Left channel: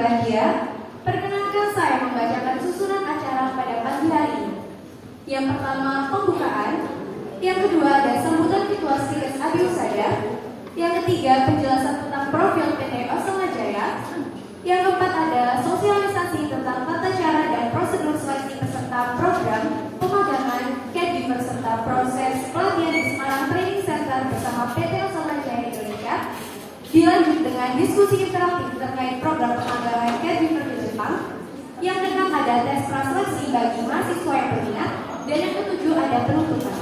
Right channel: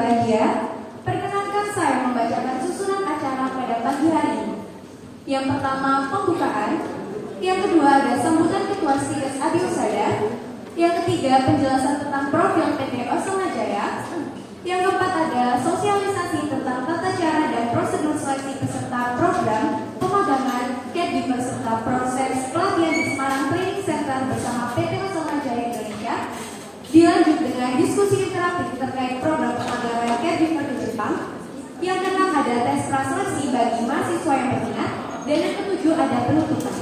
berbahagia, perkenankan saya membacakan susunan acara pada pagi hari ini. Yang pertama, pembukaan. Yang kedua, ada sambutan Ketua Stikes Adi Husada. Yang ketiga, penjelasan tentang profil PT Osama Jaya. Yang keempat, ada sosialisasi tentang tata cara dan prosedur seleksi peserta program pemagangan caregiver serta proses pelatihan di Semarang Training Center bersama PT Osama Jaya Indonesia. Dilanjut dengan diskusi interaktif terkait program pemagangan caregiver di Jepang. Yang keenam, ada tes praseleksi bagi mahasiswa yang berminat. Dan yang ketujuh, ada penutupan.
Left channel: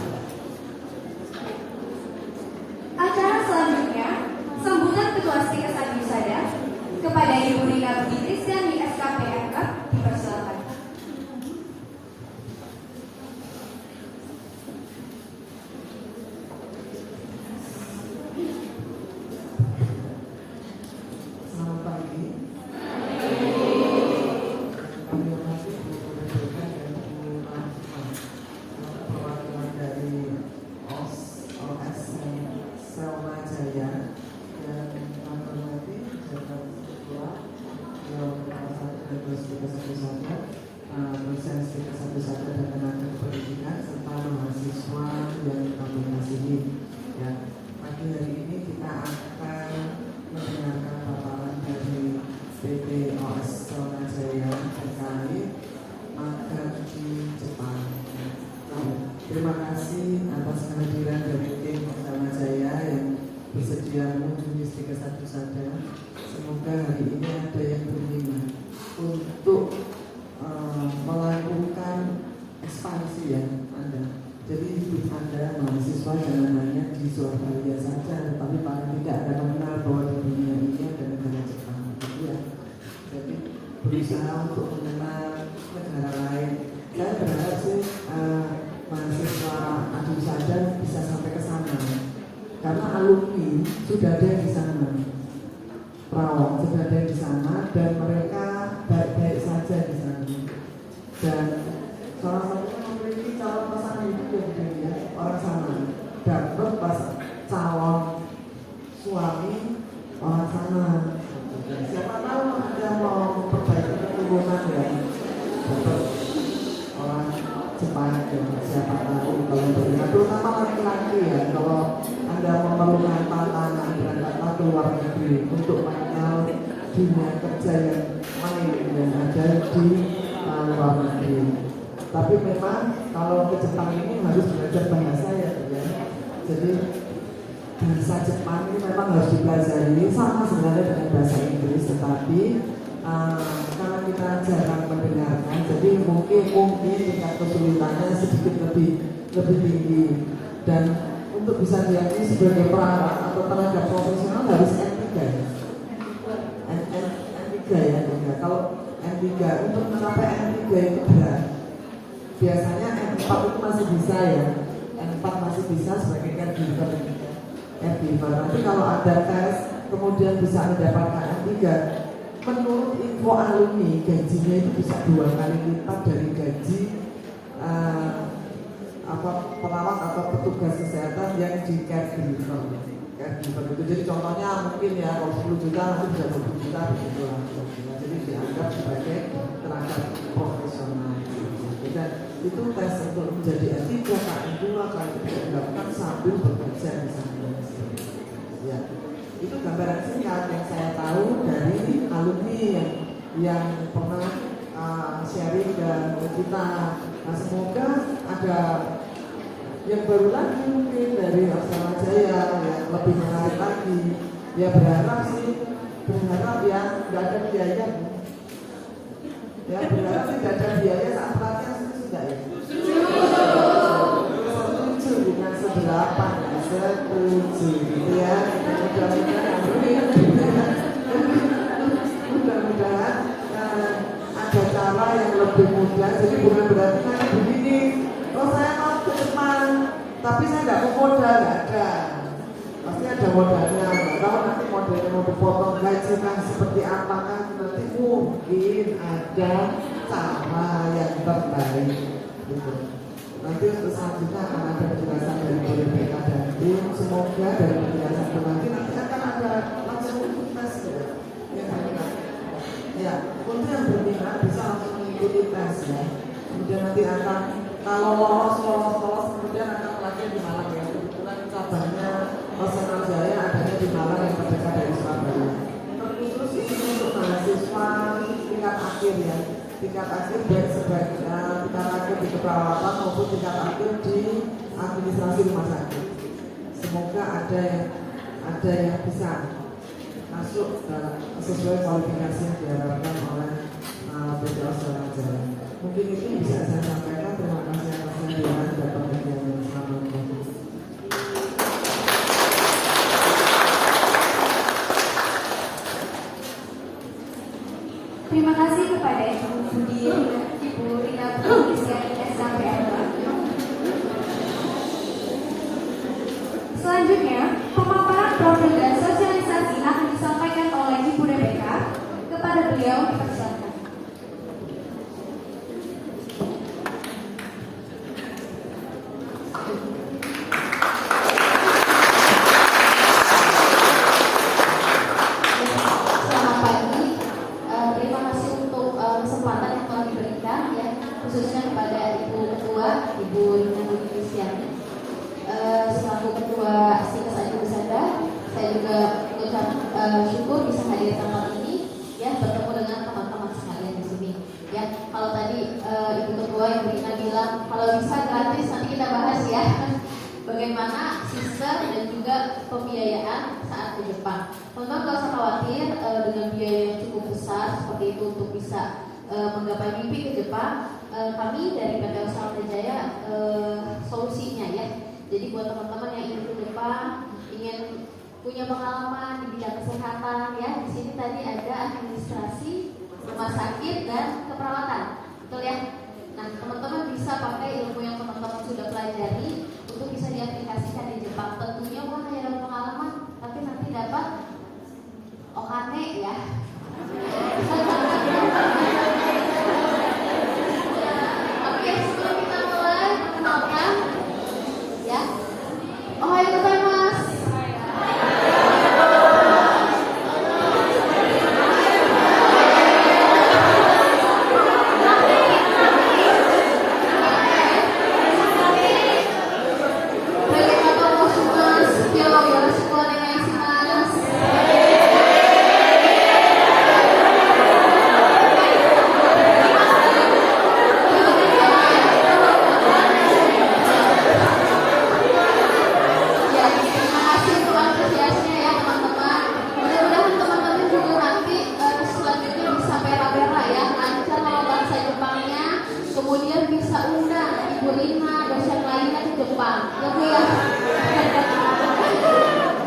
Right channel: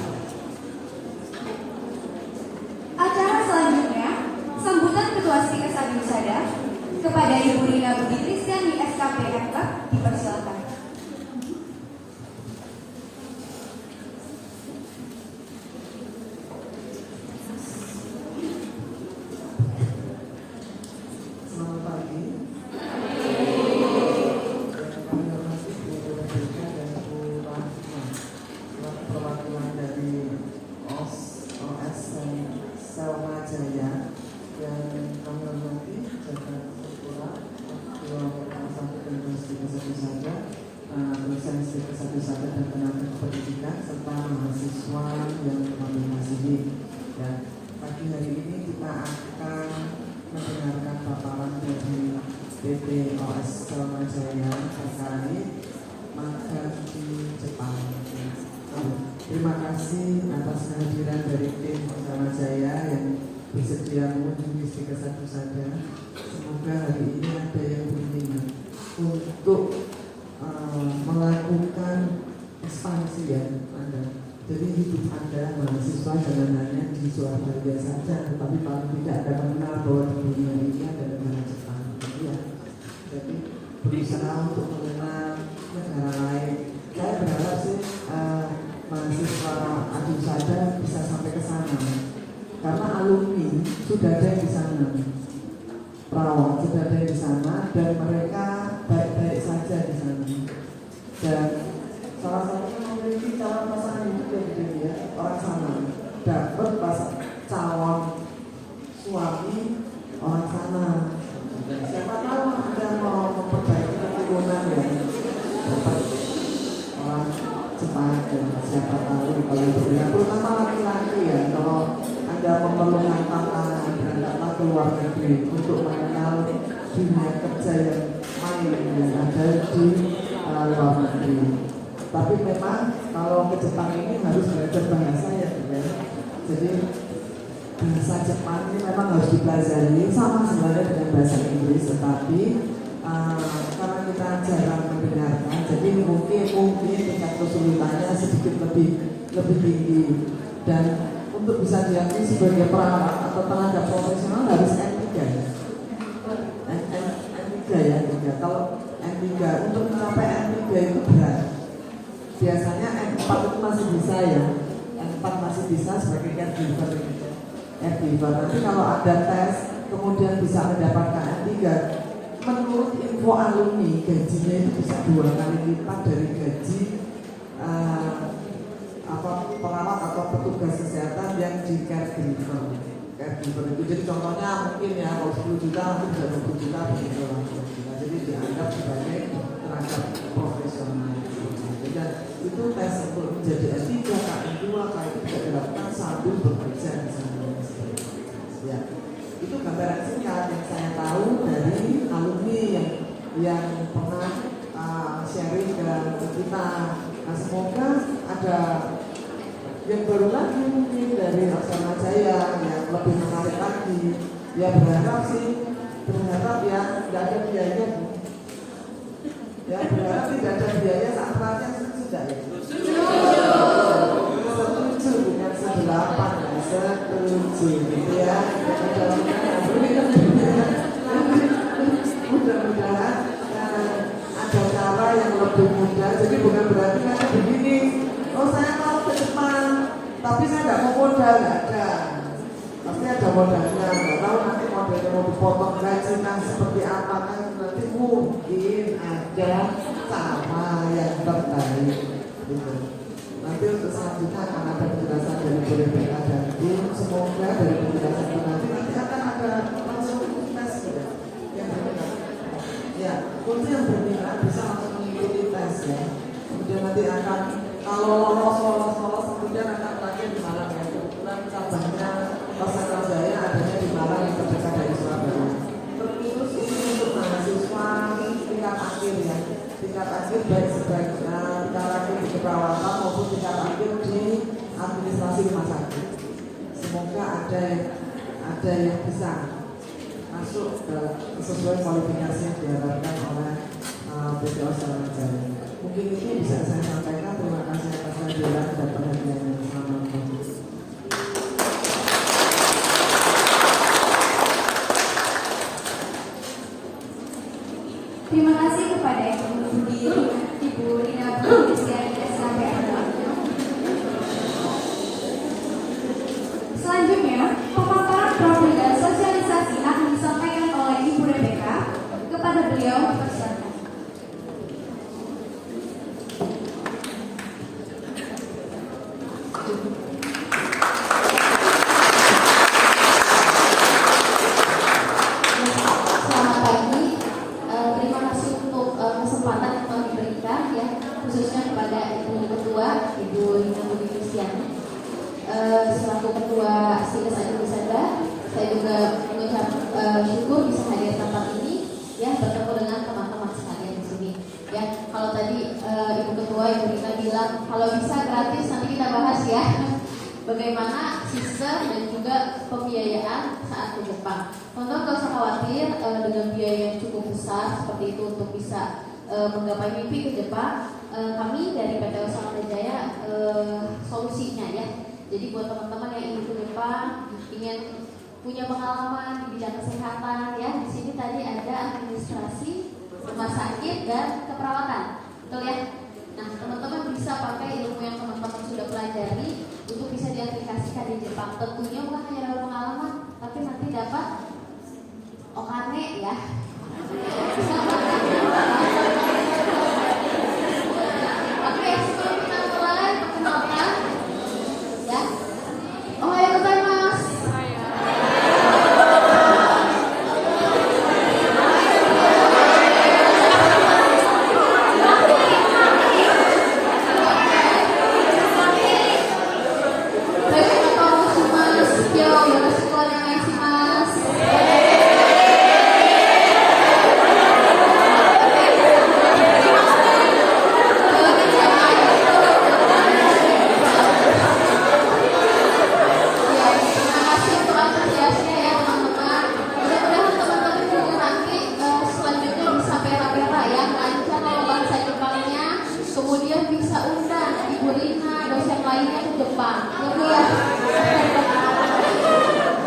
Acara selanjutnya, sambutan Ketua Stikes Adi Husada. Kepada Ibu Rina Budi Kristiani SKP MK, dipersilakan. Selamat pagi. Kami hormati Bu Mendagri dan Bu Rahma, perwakilan dari OS Selma Jaya, yang kami hormati jabat sekolah kelas 1 dan kelas 3 saja, dosen Stikes Adi Husada dan tenaga pendidikan serta mahasiswa yang kami sini. Ya, pagi hari ini kita akan mendengarkan paparan dari PT OS Selma Jaya terkait magang di Jepang. Terima kasih atas kehadiran dari tim Selma Jaya yang bersedia mengunjungi Stikes Adi Husada. Semoga hari ini ada yang berminat untuk melakukan ekspansi ya Anda. Jadi hidup Anda mahasiswa jangan hanya di Surabaya saja, tetapi paling tidak akan mengenal bahwa di dunia ini ada negara Jepang. Ya. Jadi berusaha untuk mengenal negara lain. Saya berharap sih mahasiswa Adi Husada bisa sampai ke sana, karena alumni sudah ada yang di sana, perawat sudah ada yang di sana, dan mereka baik-baik saja di sana. Dan salah satunya memiliki calon pasangan hidup yang ya, orang sana dapat calon suami orang sana. Siapa tahu Anda mau memperbaiki keturunan ya, dapat orang Jepang ya. Siapa tahu kalau berminat, terutama laki-laki ya, kalau Anda memerlukan tantangan berangkatlah ke luar negeri untuk mengenal dunia kerja yang lain yang ada di luar negeri. Tapi memang kalau ke Jepang ini harus belajar bahasa ya. Jadi bahasa Jepang ini memang harus dipelajari sama sebenarnya dengan bahasa Inggris, tetapi karena kita jarang mendengarkan, jadi mungkin tingkat kesulitannya sedikit lebih tinggi. Dan untuk bisa diakui sebagai perawat atau tenaga profesional harus N3 ya. Kalau N3 untuk mencapai N3 itu berat. Biasanya N4 itu masih bisa ya, N4 masih bisa sebagai caregiver. Nanti kalau ada tes kemudian bisa mendapatkan N3, menurut info alumni gajinya itu bisa 2 kali lipat dari gaji perawat atau petugas kesehatan yang di caregiver itu. Jadi contohnya mungkin ya kalau 10 juta mungkin bisa 20 juta begitu lah. Jadi dianggap sebagai tenaga profesional. Dan itu tes untuk menjadi S3, K2, itu tidak dilakukan sambil bekerja di sana. Ya, itu gambaran singkat yang saya tahu dari alumni yang pernah sharing ke kita. Nah, semoga ada yang baru lagi mungkin dari Osama Jaya yang lebih menarik lagi. Ya berharap ya nggak ada biaya. Ya berharap tidak ada biaya saat pelatihan sudah ya. Setuju dengan 8, setuju ya. Mudah-mudahan ada cara yang lebih mudah. Jadi bukan berarti kayak begini. Oh saya mau ke Jepang, tapi saya nggak mau modal, nggak ada. Pasti ada modalnya. Nggak tahu nanti modelnya mau dipotong gaji seperti apa kan? Nanti mungkin ada cara yang terbaik. Gitu. Nanti untuk selanjutnya akan ada penjelasan dari BPK dan tim. Semoga dari penjelasan itu nanti akan ada langsung tes ya. Ya, untuk yang berminat bisa langsung mengikuti tes ya. Kemudian nanti akan kalau lolos kemudian akan pelatihan di Malang ya. Kebetulan cabangnya Personal Jaya adanya di Malang yang terdekat dari Surabaya. Terus ini untuk mahasiswa tingkat akhir ya. Tingkat akhir baik sebagai tingkat akhir di keperawatan maupun tingkat akhir di administrasi rumah sakit. Semoga ada yang bisa masuk sesuai kualifikasi yang diharapkan oleh PT Australia Jaya. Mungkin ini bisa saya sampaikan. Terima kasih atas kehadiran dan perhatiannya. Assalamualaikum. Terima kasih kepada Ibu Rina Putri SKPM. Selanjutnya, pemaparan profil dan sosialisasi akan disampaikan oleh Ibu Rebecca. Kepada beliau, dipersilakan. Selamat pagi. Terima kasih untuk kesempatan yang telah diberikan ya, khususnya kepada Ibu Ketua, Ibu Rina Putri selaku Ketua Sikas Adi Wisata. Saya juga mengucap syukur bisa hadir di tempat ini ya, bertemu dengan teman-teman sekalian di sini ya. Kalau tadi Ibu Ketua Ibu Rina bilang kalau bisa gratis, nanti kita bahas ya bagaimana sistem dan juga pembiayaan saat ke Jepang. Teman-teman gak usah khawatir dengan biaya yang cukup besar seperti itu untuk bisa menggapai mimpi ke Jepang. Kami dari PT Australia Jaya solusinya ya. Jadi buat teman-teman yang ingin ke Jepang, ingin punya pengalaman di bidang kesehatan ya, di sini tadi ada administrasi, rumah sakit dan keperawatan, betul ya? Nah, teman-teman bisa pakai ilmu yang teman-teman sudah pelajari untuk bisa diaplikasikan di Jepang. Tentunya bukan hanya dapat pengalaman, tapi nanti dapat okane ya. Oke, sebelum kita mulai perkenalkan ya. Ohayo gozaimasu. Kemudian bisa undang Ibu Rina, dosen lainnya ke Jepang. Ya,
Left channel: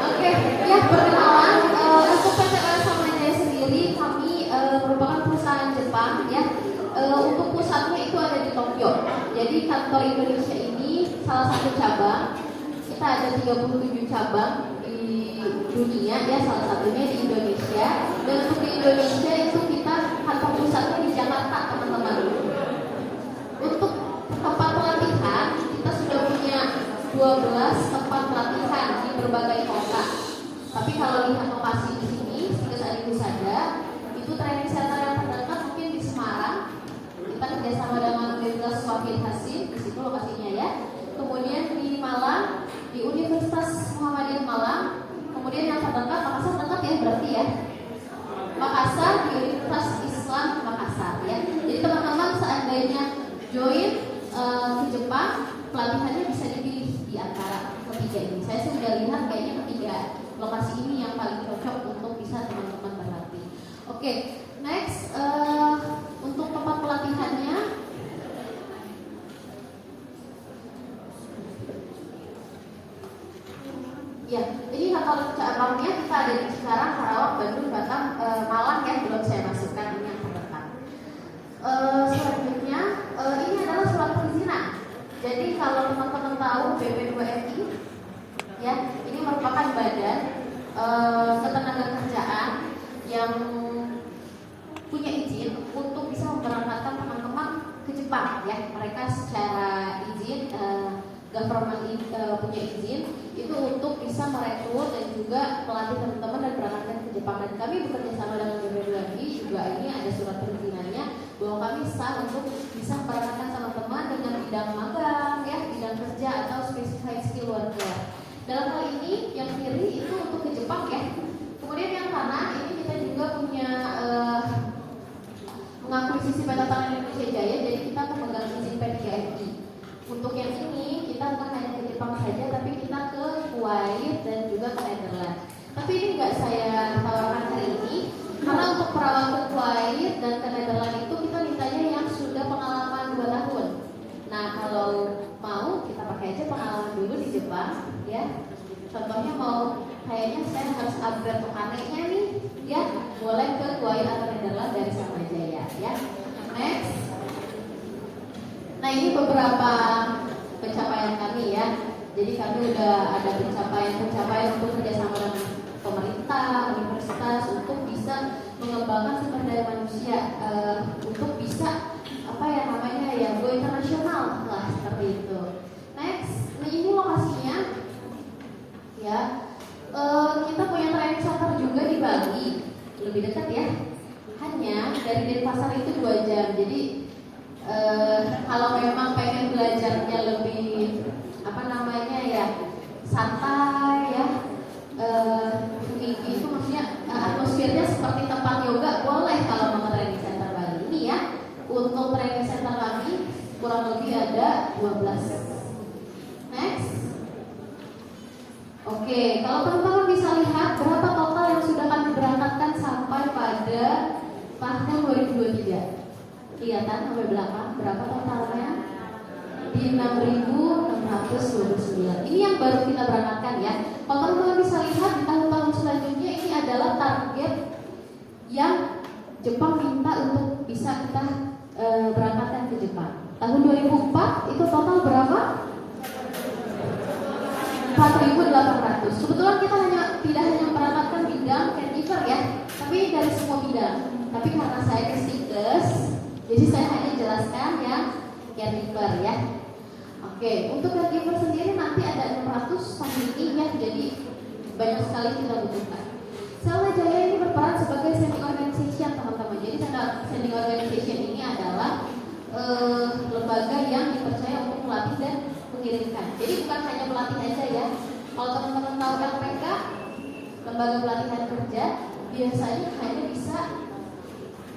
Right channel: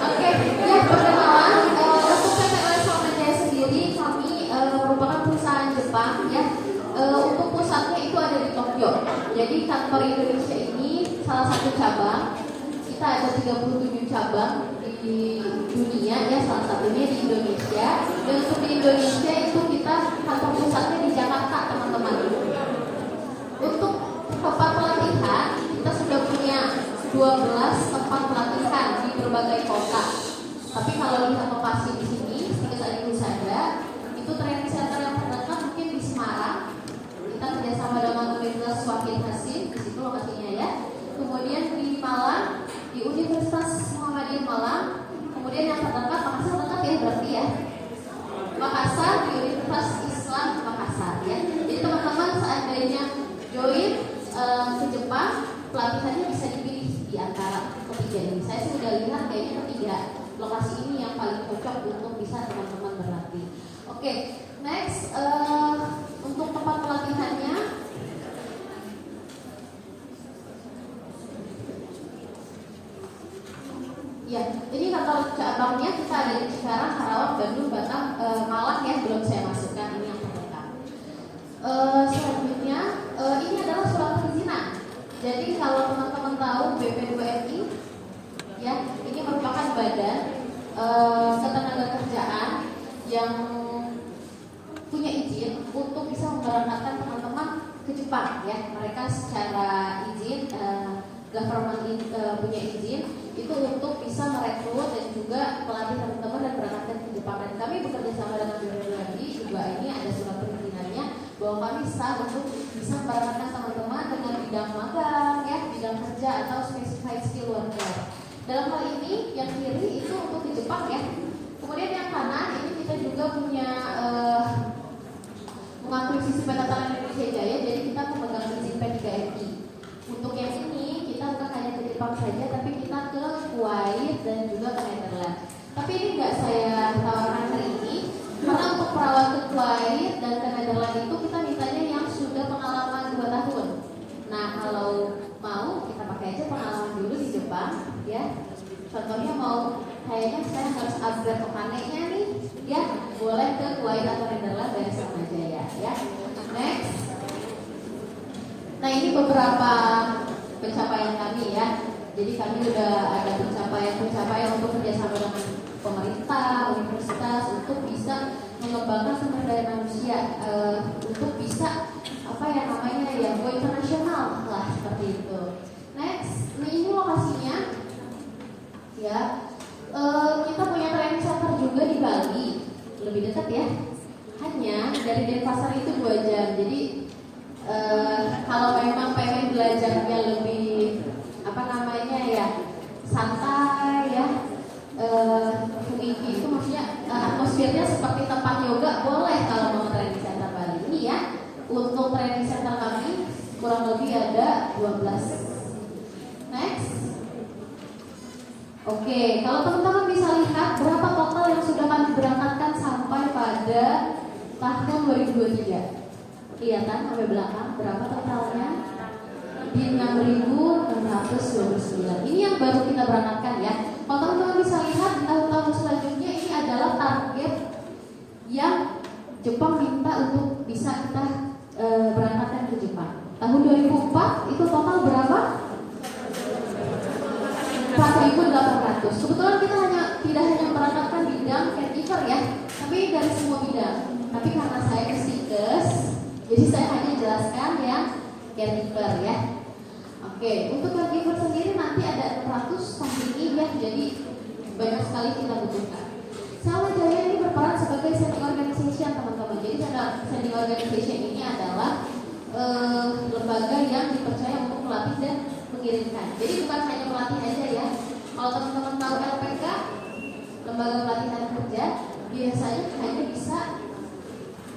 oke, ya perkenalan untuk PT Australia Jaya sendiri kami merupakan perusahaan Jepang ya. Untuk pusatnya itu ada di Tokyo. Jadi kantor Indonesia ini salah satu cabang. Kita ada 37 cabang di dunia ya, salah satunya di Indonesia. Dan untuk di Indonesia itu kita kantor pusatnya di Jakarta, teman-teman. Untuk tempat pelatihan kita sudah punya 12 tempat pelatihan di berbagai kota. Tapi kalau lihat lokasi di sini, Sikas Adi Wisata, itu training center yang terdekat mungkin di Semarang. Kita kerjasama dengan Universitas Wahid Hasim, di situ lokasinya ya. Kemudian di Malang, di Universitas Muhammadiyah Malang. Kemudian yang terdekat Makassar dekat ya berarti ya. Makassar di Universitas Islam Makassar ya. Jadi teman-teman seandainya join ke Jepang, pelatihannya bisa dipilih di antara ketiga ini. Saya sudah lihat kayaknya ketiga lokasi ini yang paling cocok untuk bisa teman-teman berlatih. Oke, next untuk tempat pelatihannya. Ya, jadi kantor cabangnya kita ada di Cikarang, Karawang, Bandung, Batam, Malang ya, belum saya masukkan ini yang terdekat. Selanjutnya ini adalah surat perizinan. Jadi kalau teman-teman tahu BP2MI ya, ini merupakan badan ketenagakerjaan yang punya izin untuk bisa memberangkatkan teman-teman ke Jepang ya. Mereka secara izin government punya izin itu untuk bisa merekrut dan juga melatih teman-teman dan berangkat ke Jepang. Dan kami bekerja sama dengan BP2MI juga, ini ada bisa untuk bisa memperkenalkan teman-teman dengan bidang magang, ya, bidang kerja atau specified skill worker. Dalam hal ini yang kiri itu untuk ke Jepang ya. Kemudian yang kanan ini kita juga punya mengakuisisi Petatangan Indonesia Jaya, jadi kita memegang izin P3MI. Untuk yang ini kita bukan hanya ke Jepang saja, tapi kita ke Kuwait dan juga ke Netherlands. Tapi ini nggak saya tawarkan hari ini, karena untuk perawat ke Kuwait dan ke Netherlands itu kita mintanya yang sudah pengalaman 2 tahun. Nah kalau mau kita pakai aja pengalaman dulu di Jepang, ya. Contohnya mau kayaknya saya harus upgrade pekannya nih, ya, boleh ke Kuwait atau Netherlands dari Sama Jaya, ya. Next. Nah ini beberapa pencapaian kami ya. Jadi kami udah ada pencapaian untuk kerjasama dengan pemerintah, universitas untuk bisa mengembangkan sumber daya manusia untuk bisa apa ya namanya ya go internasional lah seperti itu. Next, nah ini lokasinya ya. Kita punya training center juga di Bali, lebih dekat ya. Hanya dari Denpasar itu 2 jam. Jadi kalau memang pengen belajarnya lebih apa namanya ya santai ya, itu maksudnya atmosfernya seperti tempat yoga, boleh kalau mau training center Bali ini ya. Untuk training center kami kurang lebih ada 12. Next. Oke, kalau teman-teman bisa lihat berapa total yang sudah kami berangkatkan sampai pada tahun 2023. Kelihatan sampai belakang berapa totalnya? Di 6.629. Ini yang baru kita berangkatkan ya. Kalau teman-teman bisa lihat di tahun-tahun selanjutnya ini adalah target yang Jepang minta untuk bisa kita berangkatkan ke Jepang. Tahun 2004 itu total berapa? 4.800. Kebetulan kita tidak hanya memberangkatkan bidang caregiver ya, tapi dari semua bidang. Tapi karena saya ke Sikes, jadi saya hanya jelaskan yang caregiver ya. Oke, untuk caregiver sendiri nanti ada 600 samping ya, jadi banyak sekali kita butuhkan. Sama Jaya ini berperan sebagai sending organization teman-teman. Jadi sending organization ini adalah lembaga yang dipercaya untuk melatih dan mengirimkan. Jadi bukan hanya pelatih aja ya. Kalau teman-teman tahu LPK, lembaga pelatihan kerja, biasanya hanya bisa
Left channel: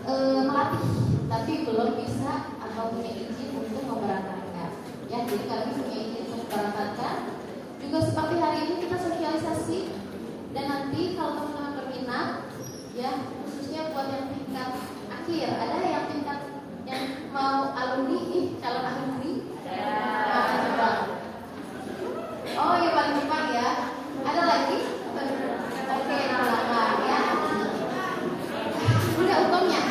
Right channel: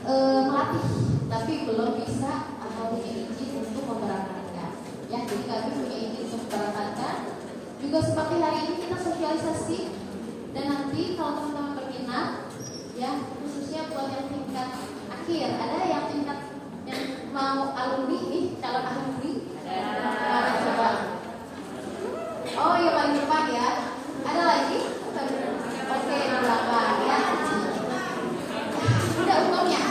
melatih, tapi belum bisa atau punya izin untuk memberangkatkan. Ya, jadi kami punya izin untuk memberangkatkan. Juga seperti hari ini kita sosialisasi, dan nanti kalau teman-teman berminat, ya khususnya buat yang tingkat akhir, ada yang tingkat yang mau alumni nih, calon alumni. Coba. Oh ya Pak Jepang ya. Ada lagi? Oke, berapa ya? Udah untungnya.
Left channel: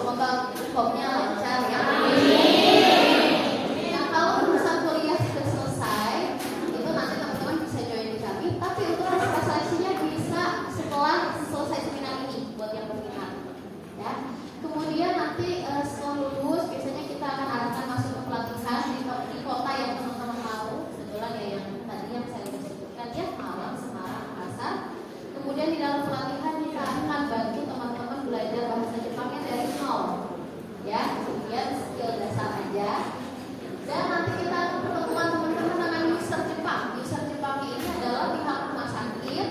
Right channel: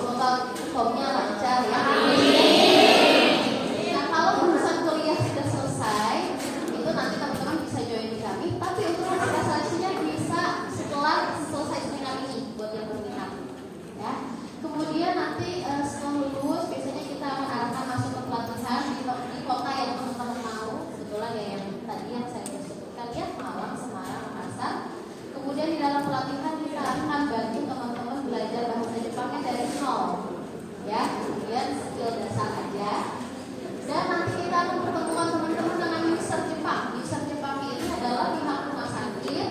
Semoga hukumnya lancar ya. Nah kalau urusan kuliah sudah selesai, itu nanti teman-teman bisa join di kami. Tapi untuk proses seleksinya bisa setelah selesai seminar ini buat yang berminat. Ya. Kemudian nanti setelah lulus biasanya kita akan arahkan masuk ke pelatihan di kota yang teman-teman mau. Kebetulan ya yang tadi yang saya sebutkan ya, Malang, Semarang, Makassar. Kemudian di dalam pelatihan kita akan bantu teman-teman belajar bahasa Jepangnya dari nol. Ya, kemudian skill dasar aja. Dan nanti kita akan pertemuan teman-teman dengan user Jepang. User Jepang ini adalah pihak rumah sakit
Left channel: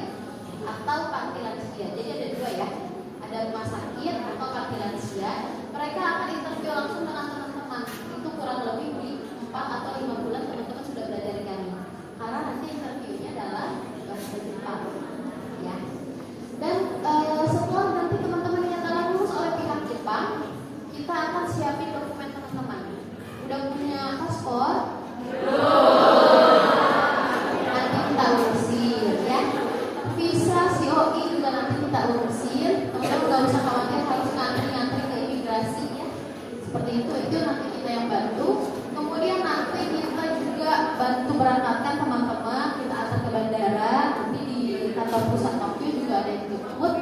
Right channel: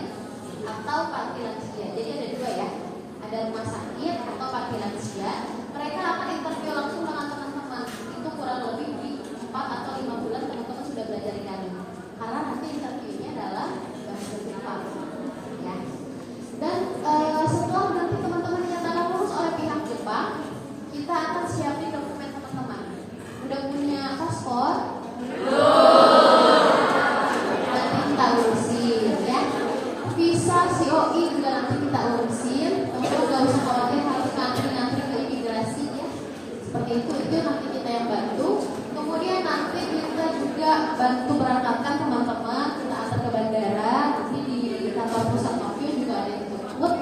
atau panti lansia. Jadi ada 2 ya. Ada rumah sakit atau panti lansia. Mereka akan interview langsung dengan teman-teman. Itu kurang lebih di 4 atau 5 bulan teman-teman sudah belajar di kami. Karena nanti interviewnya adalah bahasa Jepang. Ya. Dan setelah nanti teman-teman dinyatakan lulus oleh pihak Jepang, kita akan siapin dokumen teman-teman. Udah punya paspor? Nanti kita urusin ya. Visa COI juga nanti kita urusin. Teman-teman nggak usah khawatir harus ngantri ke imigrasi ya. Seperti itu nanti kita yang bantu. Kemudian nanti kita juga bantu berangkatkan teman-teman, kita antar ke bandara. Nanti di kantor pusat Tokyo juga ada yang jemput.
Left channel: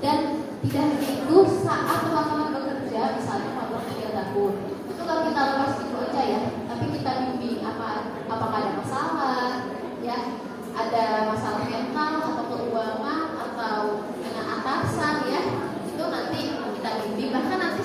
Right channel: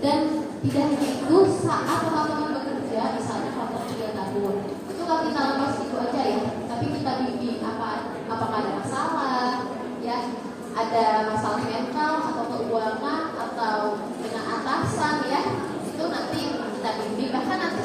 Dan tidak hanya itu, saat teman-teman bekerja, misalnya kontrak 3 tahun, itu kan kita lepas itu aja ya. Tapi kita bimbing apakah ada masalah, ya, ada masalah mental atau keuangan atau dengan atasan ya. Itu nanti kita bimbing. Bahkan nanti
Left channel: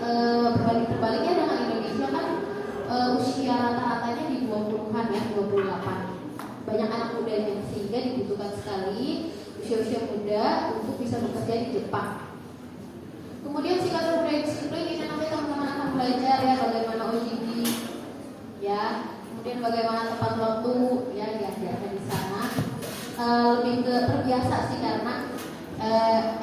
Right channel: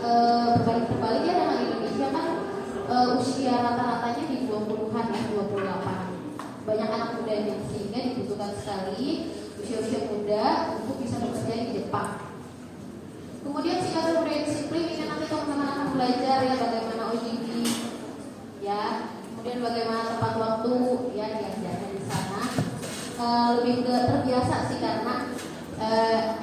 berbaliknya dengan Indonesia kan usia rata-ratanya di 20-an ya, 28. Banyak anak mudanya sehingga dibutuhkan sekali usia-usia muda untuk bisa bekerja di Jepang. Kemudian singkatan budaya disiplin ini nanti teman-teman akan belajar ya bagaimana OJT ya, kemudian bagaimana tepat waktu ya diajarkan di sana. Lebih ke terbiasa sih karena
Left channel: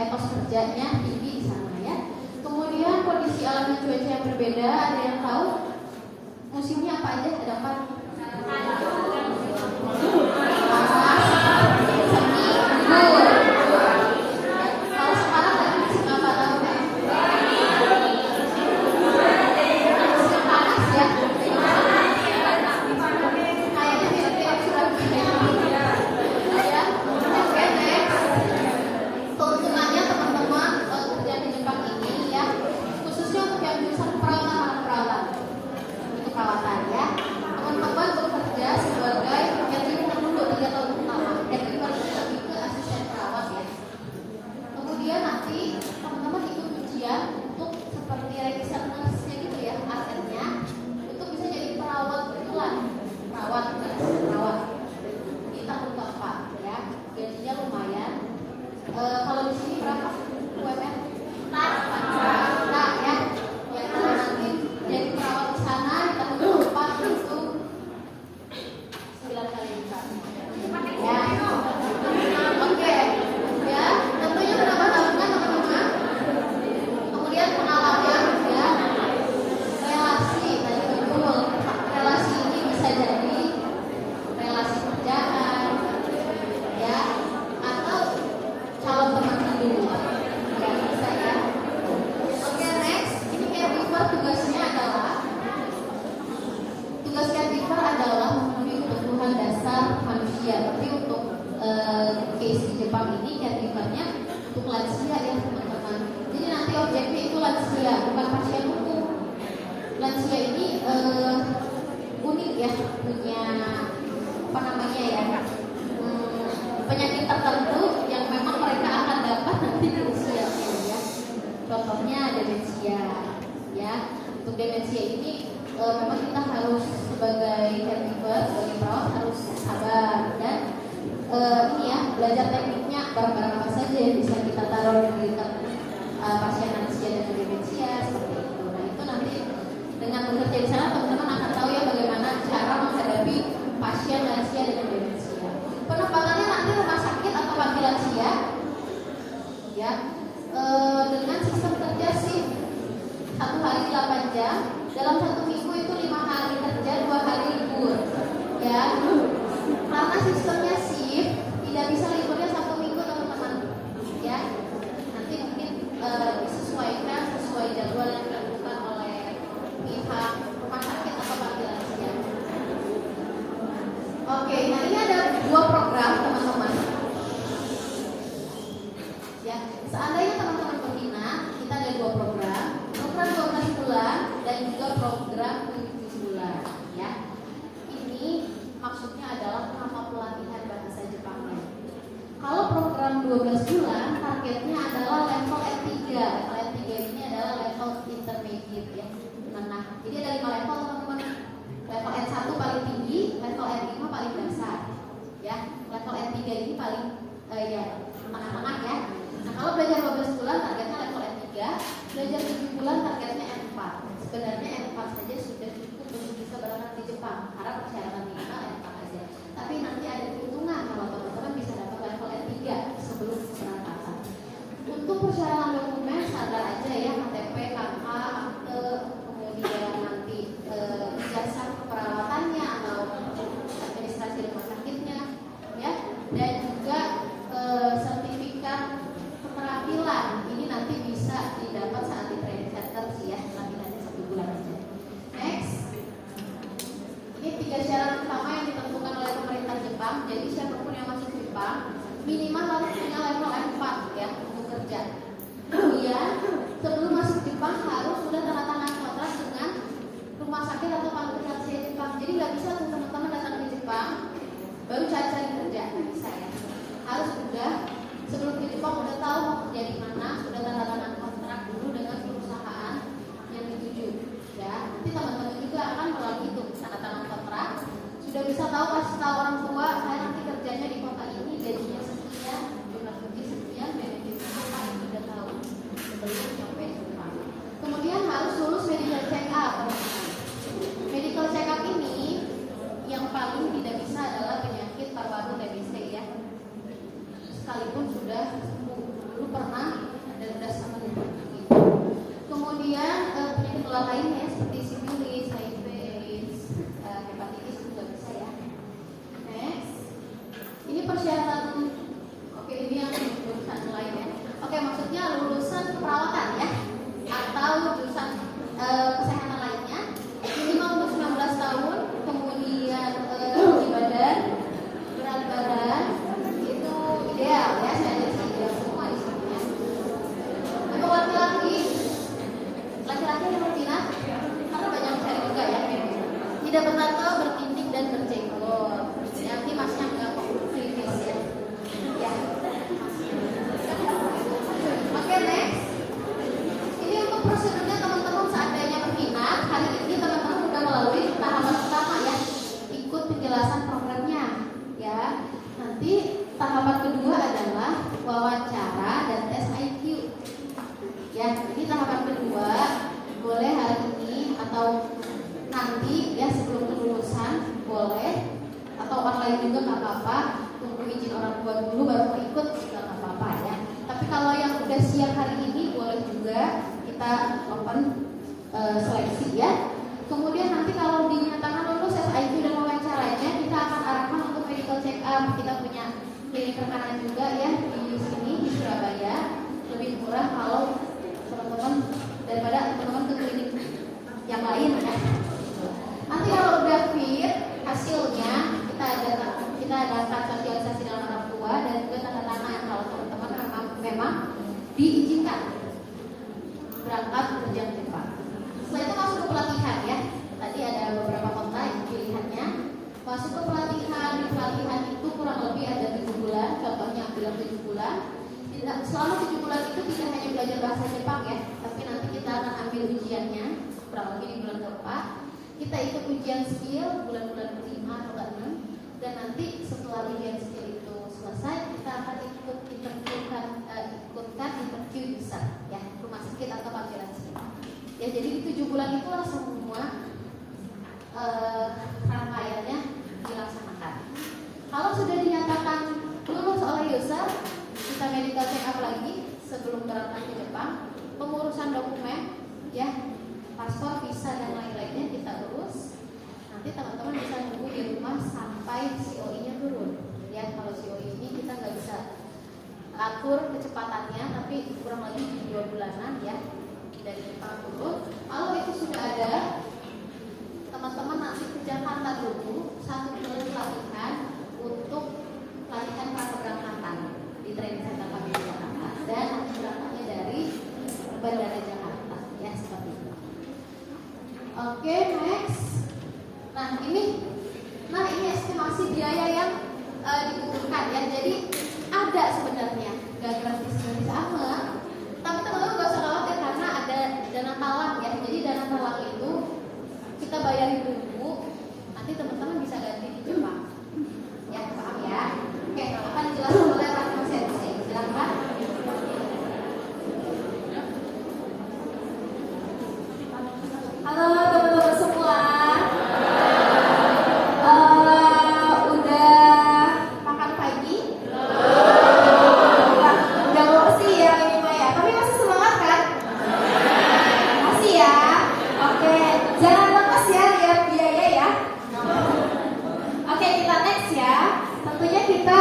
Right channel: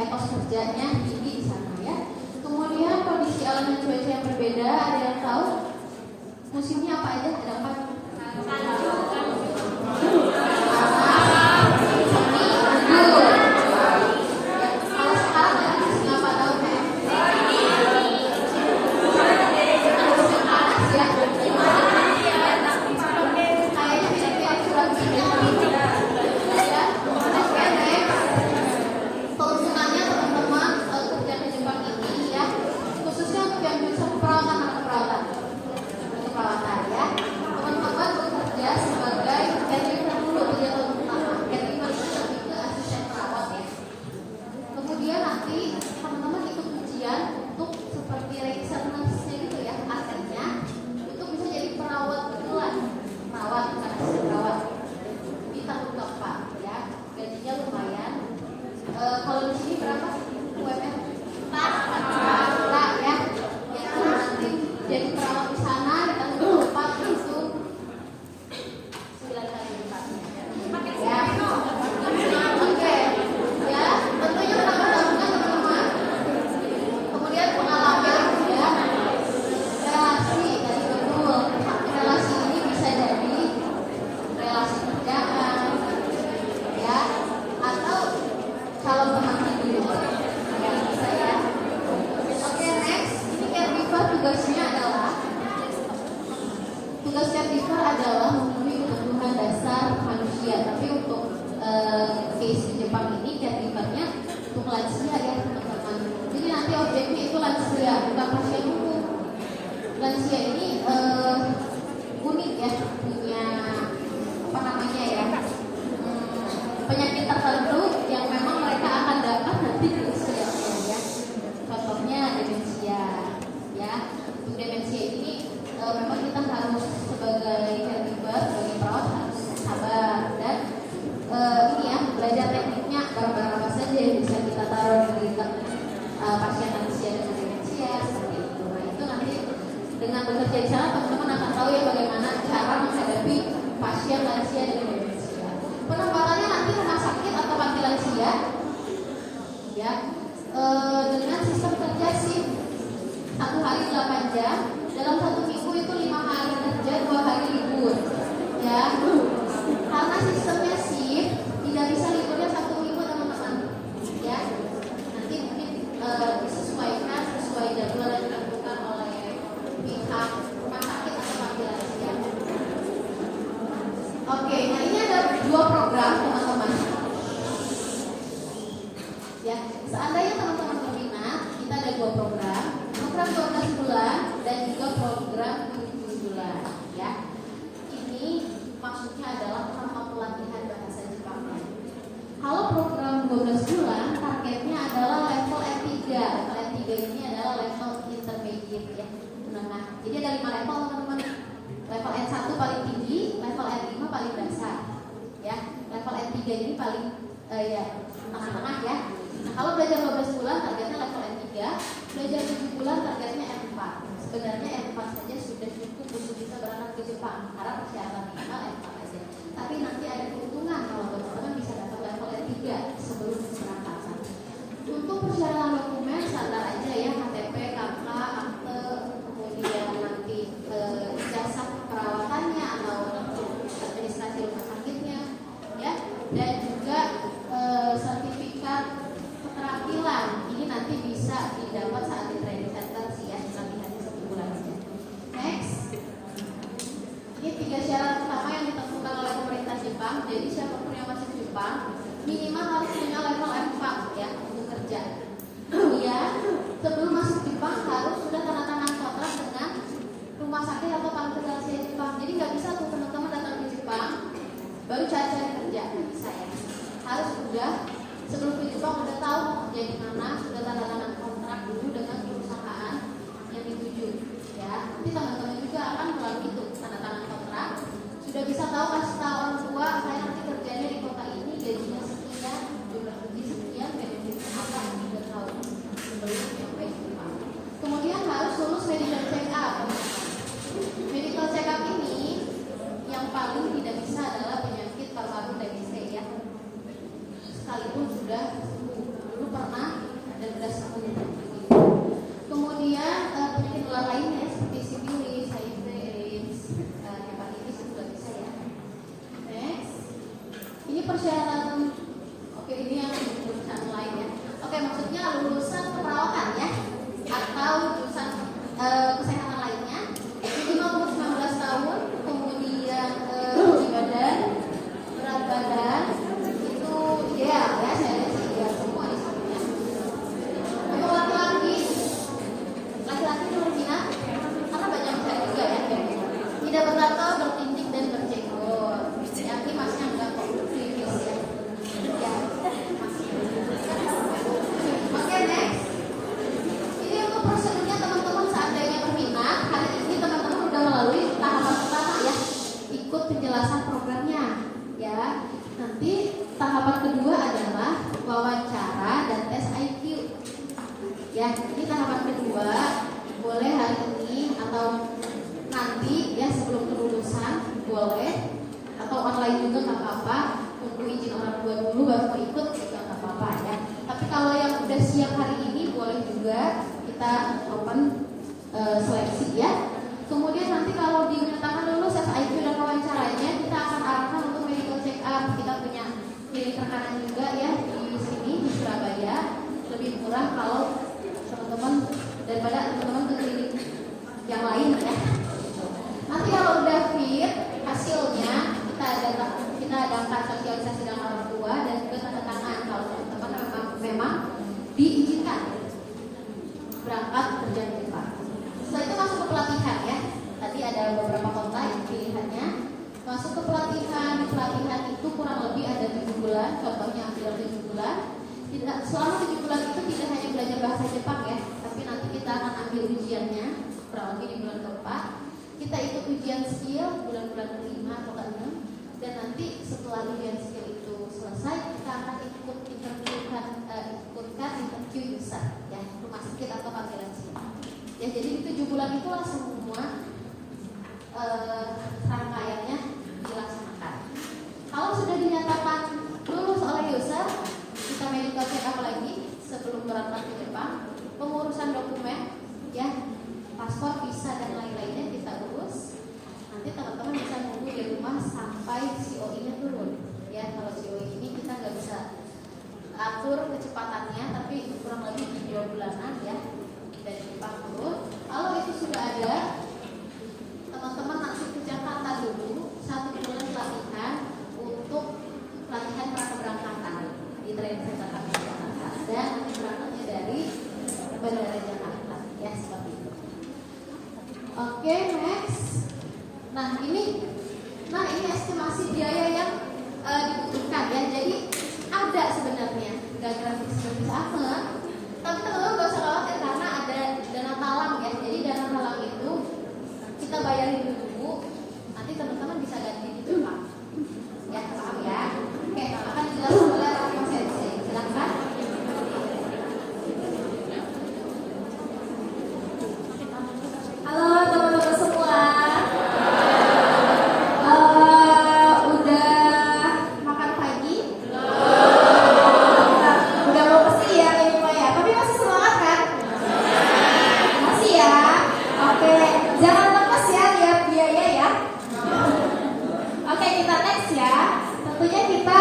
etos kerjanya tinggi di sana ya. Kemudian kondisi alam dan cuaca yang berbeda, ada yang tahu musimnya apa aja? Ada apa? Ini 3 syarat sudah bisa tahu, kasih tahu orang tua saya nanti kerjanya di kota ini, gajinya sekian, jumlah kerja sekian, benefitnya apa, sudah tahu sebelum sampai ke depan. Kemudian harus lulus medical check up. Medical check up ini yang paling tidak bisa adalah penyakit paru-paru TBC ya. Sekalipun sudah sembuh, dulu pernah dan sudah sembuh. Kemudian penyakit menular lainnya seperti sifilis, HIV, AIDS, hepatitis juga bisa ya. Next, ini persyaratan. Oke, ini yang jurusan lain ya. Oke, maksudnya lulusan keperawatan ya, atau jurusan kesehatan lainnya. Minimal umur 19 tahun, kemudian tinggi badan, berat badan itu ideal ya. Saya lihat ideal semua di sana. Untuk laki-laki nomor minat karena banyak cewek juga ya. Tidak bertato, bertindik dan berjenggot. Jadi masih enggak kok kritis ya. Ya. Oke, next. Ini untuk prosedurnya teman-teman seandainya berminat, hari ini teman-teman sudah melalui tahapan pertama ya. Ikut penjelasan programnya ya. Nanti tahapan kedua adalah wawancara dan tes IQ. Ya, ini tahapan kedua. Boleh hari ini atau nanti ya sebelum kelulusan boleh, atau online juga nggak apa-apa. Tunggu izin orang tua dulu baru mau ikut juga nggak apa-apa ya. Tapi kalau yang udah siap hari ini boleh juga, kita open seleksi ya. Kemudian nanti kalau dinyatakan lulus IQ dan wawancaranya, kita akan arahkan untuk medical check up. Kita punya klinik rekanan juga ya di sini di Surabaya. Lebih murah kalau teman-teman daripada teman-teman ke klinik yang lain ya. Nanti kalau udah fit hasilnya, kita daftar sosialisasi dalam orang tua dan juga tanda tangan kalau teman-teman memang diizinkan berangkat kerja di Jepang. Setelah itu masuk ke pelatihan ya. Tadi ada beberapa kota yang pilihannya. Masuk ke pelatihan, di pelatihan itu kurang lebih ada 7 bulan. Contohnya bilang 7 bulan. Selama 7 bulan itu tidak hanya belajar bahasa Jepang ya, tapi nanti kita akan ambil ujiannya kurang lebih di bulan keempat. Kita ikut ujian skill bulan-bulan ke-5 atau ke-6, dan nanti setelah ujian skill itu selesai, kita akan ikutkan interview user ya, rumah sakit atau panggilan sini. Ya, jadi di 7 bulan itulah semua rangkaiannya dilaksanakan. Kalau sudah dinyatakan lulus oleh user, kita medical check up lagi sebelum berangkat ke Jepang. Pengurusan dokumen ya, paspor, visa dan lain-lainnya kita urus. Nanti teman-teman bisa nunggu di rumah sampai COI-nya turun ya. Kalau COI ini kita nggak bisa atur kecepatannya, tapi kurang lebih 2 bulanan ya dari Jepang turun. Kalau itu sudah ada, teman-teman nanti ke Jakarta dulu 1 bulan pelatihan untuk pelatihan prakeberangkatan di training center kami di Jakarta, dan nanti berangkatnya dari Bandara Jakarta ya, seperti itu. Oke, next. Nah ini estimasi biaya yang dibutuhkan ya. Jadi ada sebenarnya, nggak gratis amat. Tapi teman-teman gak usah khawatir karena ada dana talang ya. Jadi dana talang itu kita bayarin dulu, nanti teman-teman bisa ganti di Jepang. Ya, paham ya? Oke, akan dijelaskan oleh Pak Sensei. Silakan. Halo teman-teman semua. Udah makan pagi? Udah mau bersih ya ini Pak ya. Tapi masih semangat kan? Masih ya. Oke, jangan lepas ya lihat biaya ya. Oke, kita next ya. Tentunya kita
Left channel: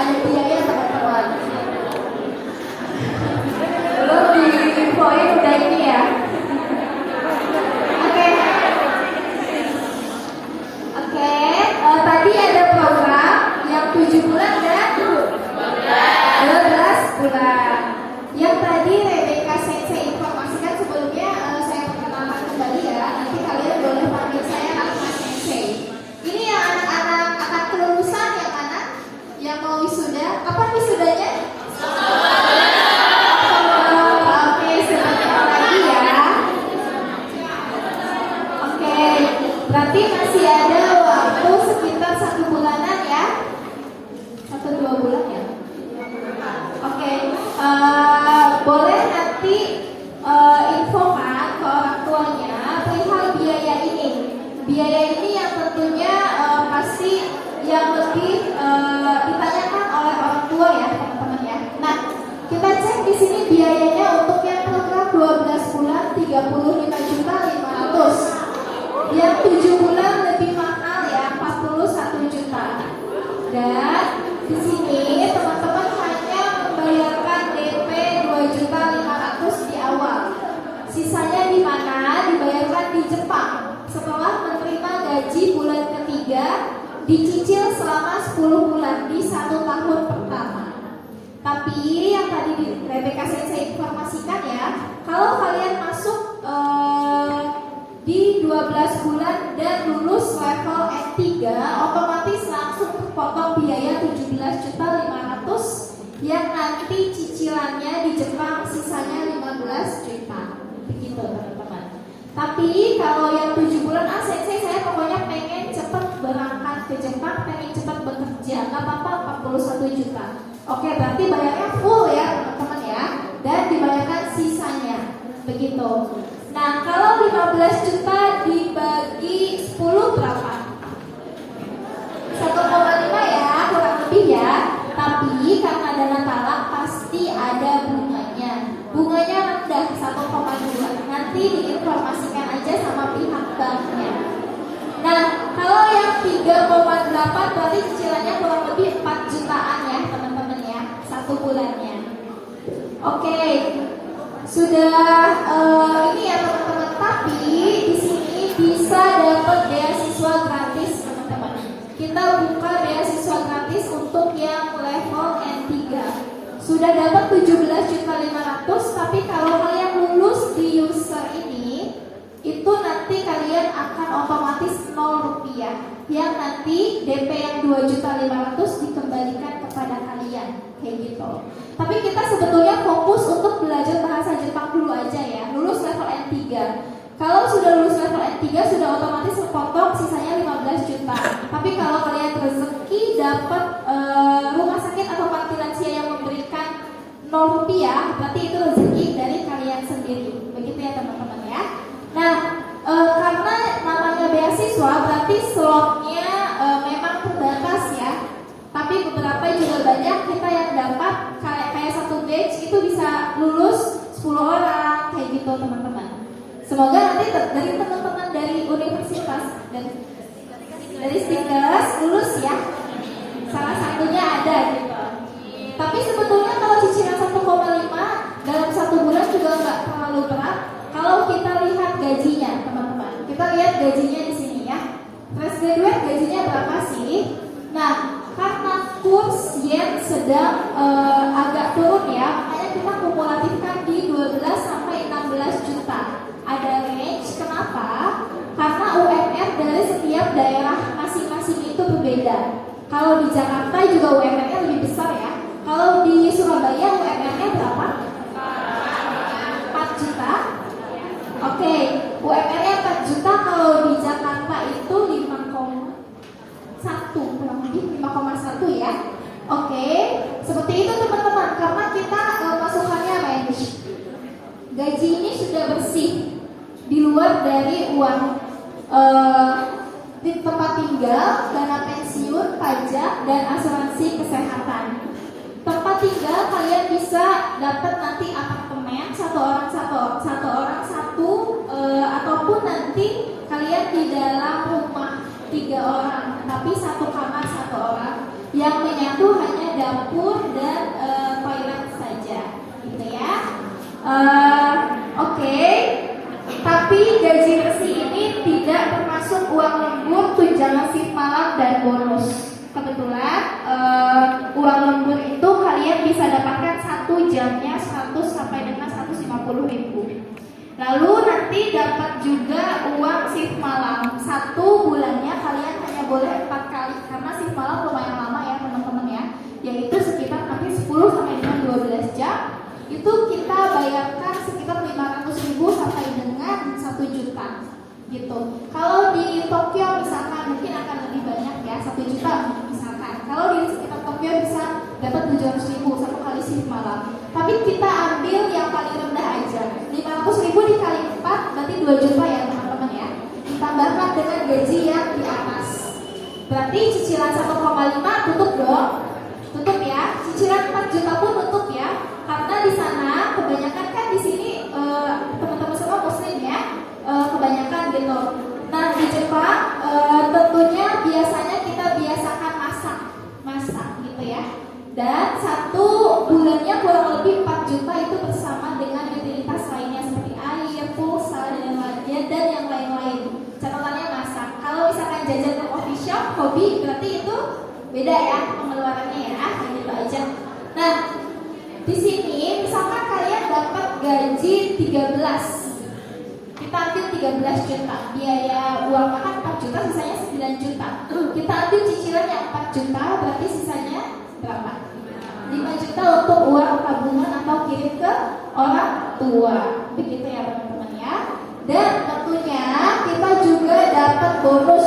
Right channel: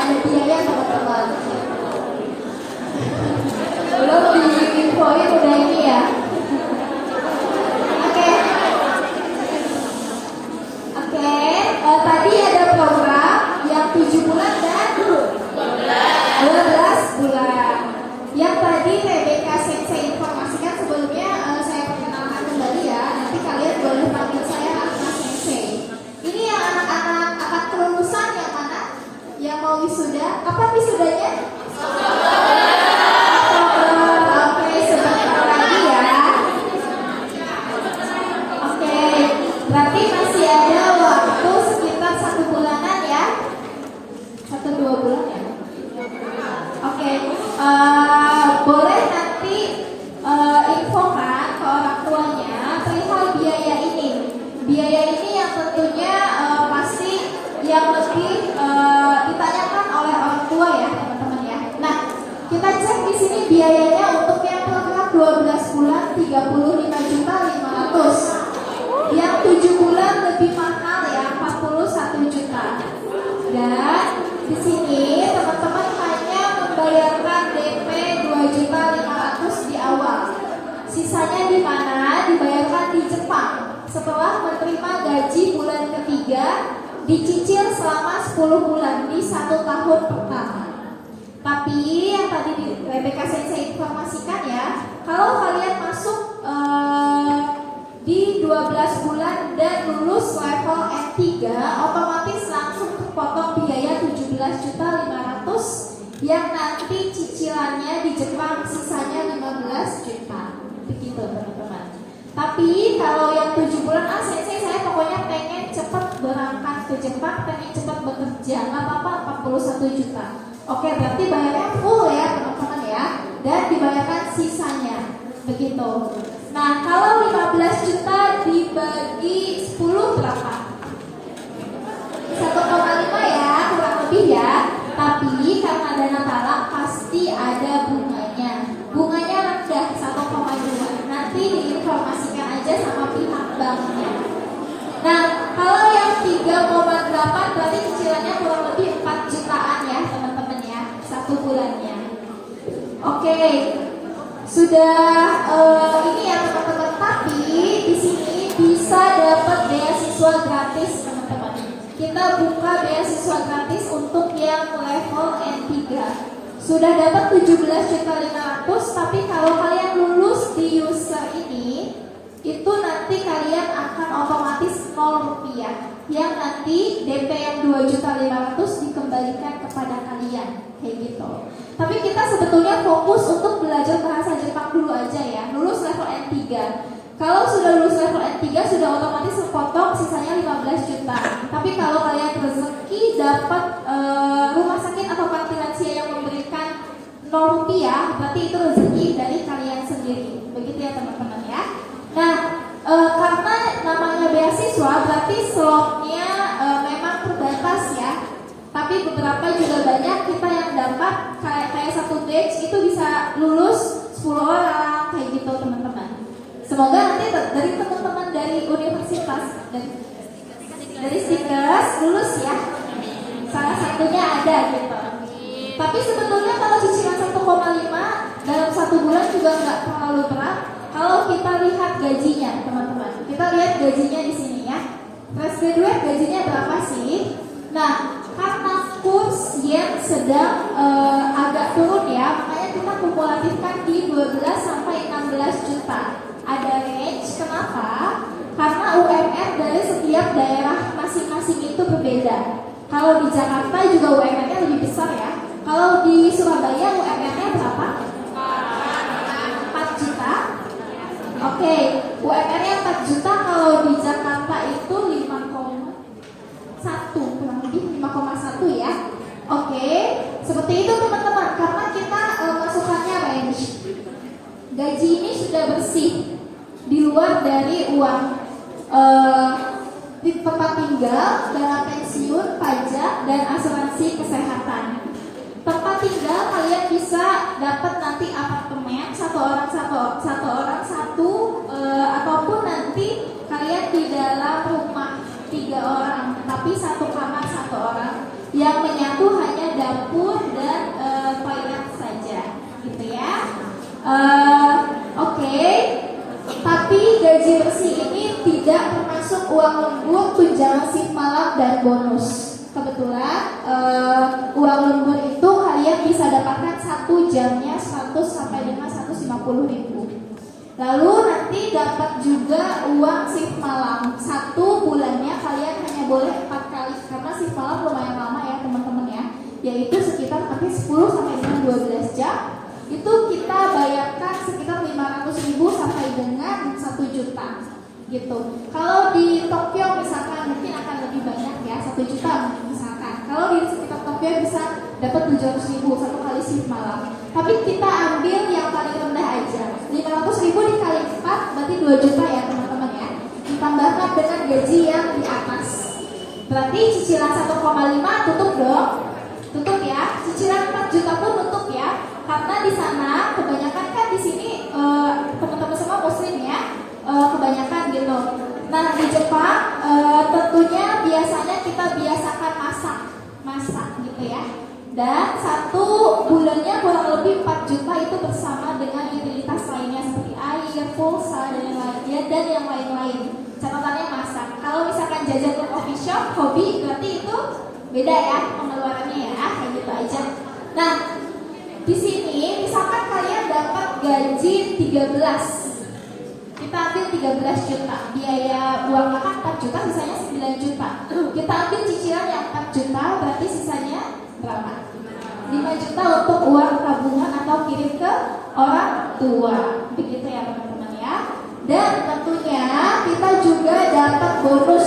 ada biaya teman-teman. Belum diinfoin udah ini ya. Tadi ada program yang 7 bulan dan 12 bulan. Yang tadi Rebecca Sensei informasikan sebelumnya, saya perkenalkan kembali ya. Nanti kalian boleh panggil saya Rahma Sensei. Ini yang anak-anak akan kelulusan yang mana? biaya ini yang tentunya pasti yang lebih ditanyakan oleh orang tua ya teman-teman ya. Nah, kita cek di sini biayanya untuk yang program 12 bulan 35.500.000. Yang 7 bulan lebih mahal ya 41 juta. Dan di sini teman-teman hanya membayarkan DP 2.500.000 di awal. Sisanya di mana? Dibayarkan di Jepang. Setelah menerima gaji bulan ketiga, dicicil selama 10 bulan di 1 tahun pertama. Tapi yang tadi Rebecca Sensei informasikan ya, kalau kalian masuk di 12 bulan dan lulus level N3, otomatis langsung terpotong biaya 17.500.000 yang nanti cicilannya di Jepang sisanya 15 juta. Begitu teman-teman. Tapi kalau yang 7 bulan saya pokoknya pengen cepat berangkat ke Jepang, pengen cepat bekerja, nggak apa-apa 41 juta. Oke, berarti bayarnya full ya teman-teman ya, dan dibayarkan sisanya. Begitu. Nah, kalau 15 juta dibagi 10 berapa? 1,5 ya, kurang lebih ya. Tapi karena dana talak pasti ada bunganya. Bunganya rendah 1,2. Nanti diinformasikan aja sama pihak banknya. Nah, kalau yang 3,8 berarti cicilannya kurang lebih 4 jutaan ya teman-teman ya, 1 bulannya. Oke, sudah ini ya teman-teman. Tapi di sini bisa dapat beasiswa gratis teman-teman. Kita buka beasiswa gratis untuk yang level N3. Sudah dapat 17.500.000, tapi kalau kalian lulus di user ini, itu nanti kalian akan otomatis 0 rupiah. Yang nanti DP yang 2.500.000 dikembalikan kepada kalian, kayak gitu. Tapi kita sebetulnya fokus untuk belajar bahasa Jepang dulu aja ya, lulus level N3. Kalau sudah lulus level N3 sudah otomatis terpotong sisanya 15 juta. Tapi kalau kalian rezeki dapat rumah sakit atau panti lansia yang memberikan 0 rupiah, berarti itu rezeki dari kalian sendiri. Begitu ya teman-teman ya. Nah, karena namanya beasiswa berarti slotnya memang terbatas ya. Tapi beberapa juga banyak kita yang dapat kayak satu batch itu bisa lulus 10 orang kayak gitu teman-teman. Semoga nanti dari teman-teman dari universitas dari Stickers lulus ya. Salah satunya ada gitu. Tapi sebetulnya kalau cicilan 1,5 dalam 1 bulan juga nggak terlalu berat. Kalau kita lihat gajinya teman-teman, kita lihat gajinya di sini ya. Fresh graduate gajinya berapa sih? Nah, karena kurs yen sedang agak turun ya, makanya kita kumulatifkan di 12 sampai 16 juta. Ada range, kenapa? Karena UMR dari setiap daerah masing-masing itu berbeda. Kalau di Jakarta juga UMR-nya lebih besar ya. Kalau di Surabaya UMR-nya berapa? 4 juta. Oke, UMR-nya 4 juta. Kalau di Jakarta itu 5,1, kurang lebih 5,1 ya. Oke, seperti itu teman-teman. Karena kita masukannya range. Gaji ini sudah bersih, di luar dari uang di tempat tinggal, dana pensiun, pajak, dan asuransi kesehatan. Tempat tinggal kalian bisa dapat nanti apartemen satu orang satu, ataupun nanti kalian di dalam rumah 3 orang, tapi 1 kamar 1 orang yang menyatu hanya dapur dan toilet saja, gitu ya. Oke. Tapi gaji bersih ini tidak termasuk uang lembur, tunjangan shift malam, dan bonus. Kebetulan uang lembur itu kalian bisa dapatkan 1 jamnya 100 sampai dengan 150 ribu. Lalu nanti dapat juga uang shift malam. 1 bulannya kalian hanya boleh 4 kali, karena shift malam lumayan lama ya teman-teman ya, yaitu sekitar nanti 10 sampai dengan 12 jam. Itu kita bayarkan sekitar 500.000 sampai dengan 1 juta gitu. Kalau di Tokyo misalkan mungkin akan lebih banyak ya, 1 juta misalkan. Kalau di sekitar Tokyo bisa dapat 700.000 1 kali shift malam. Tapi kita ambil yang paling rendah aja, 500.000 dikali 4 berarti 2 juta ya teman-teman ya. Ditambah ditambahkan dengan gaji yang di atas. Berarti cicilan 1,5 tutup dong. Tutup ya. Cicilan 4 juta pun tutup ya. Karena di sana kebanyakan kan di sini teman-teman semua muslim ya. Kebanyakan gitu. Nah, di Jepang tentunya biasanya kita biasakan masak gitu ya. Dan 1 bulannya kurang lebih 4 juta itu bersama dengan utilitas lainnya seperti air, pulsa dan yang lain-lain. Catatannya masak. Kalau misalkan jajan ke coffee shop, hobi, berarti itu beda ya pengeluarannya ya, kayak gitu aja. Nah, di sini misalkan kalian dapat gaji 13, kita ambil 13 juta, biaya uang makan 4 juta, sisanya 9 juta. Kita ambil cicilan yang 4 juta, berarti sisanya berapa? 5 juta untuk uang tabungan atau kirim ke orang tua. Begitu ya teman-teman ya. Dan tentunya kita juga dapat bonus.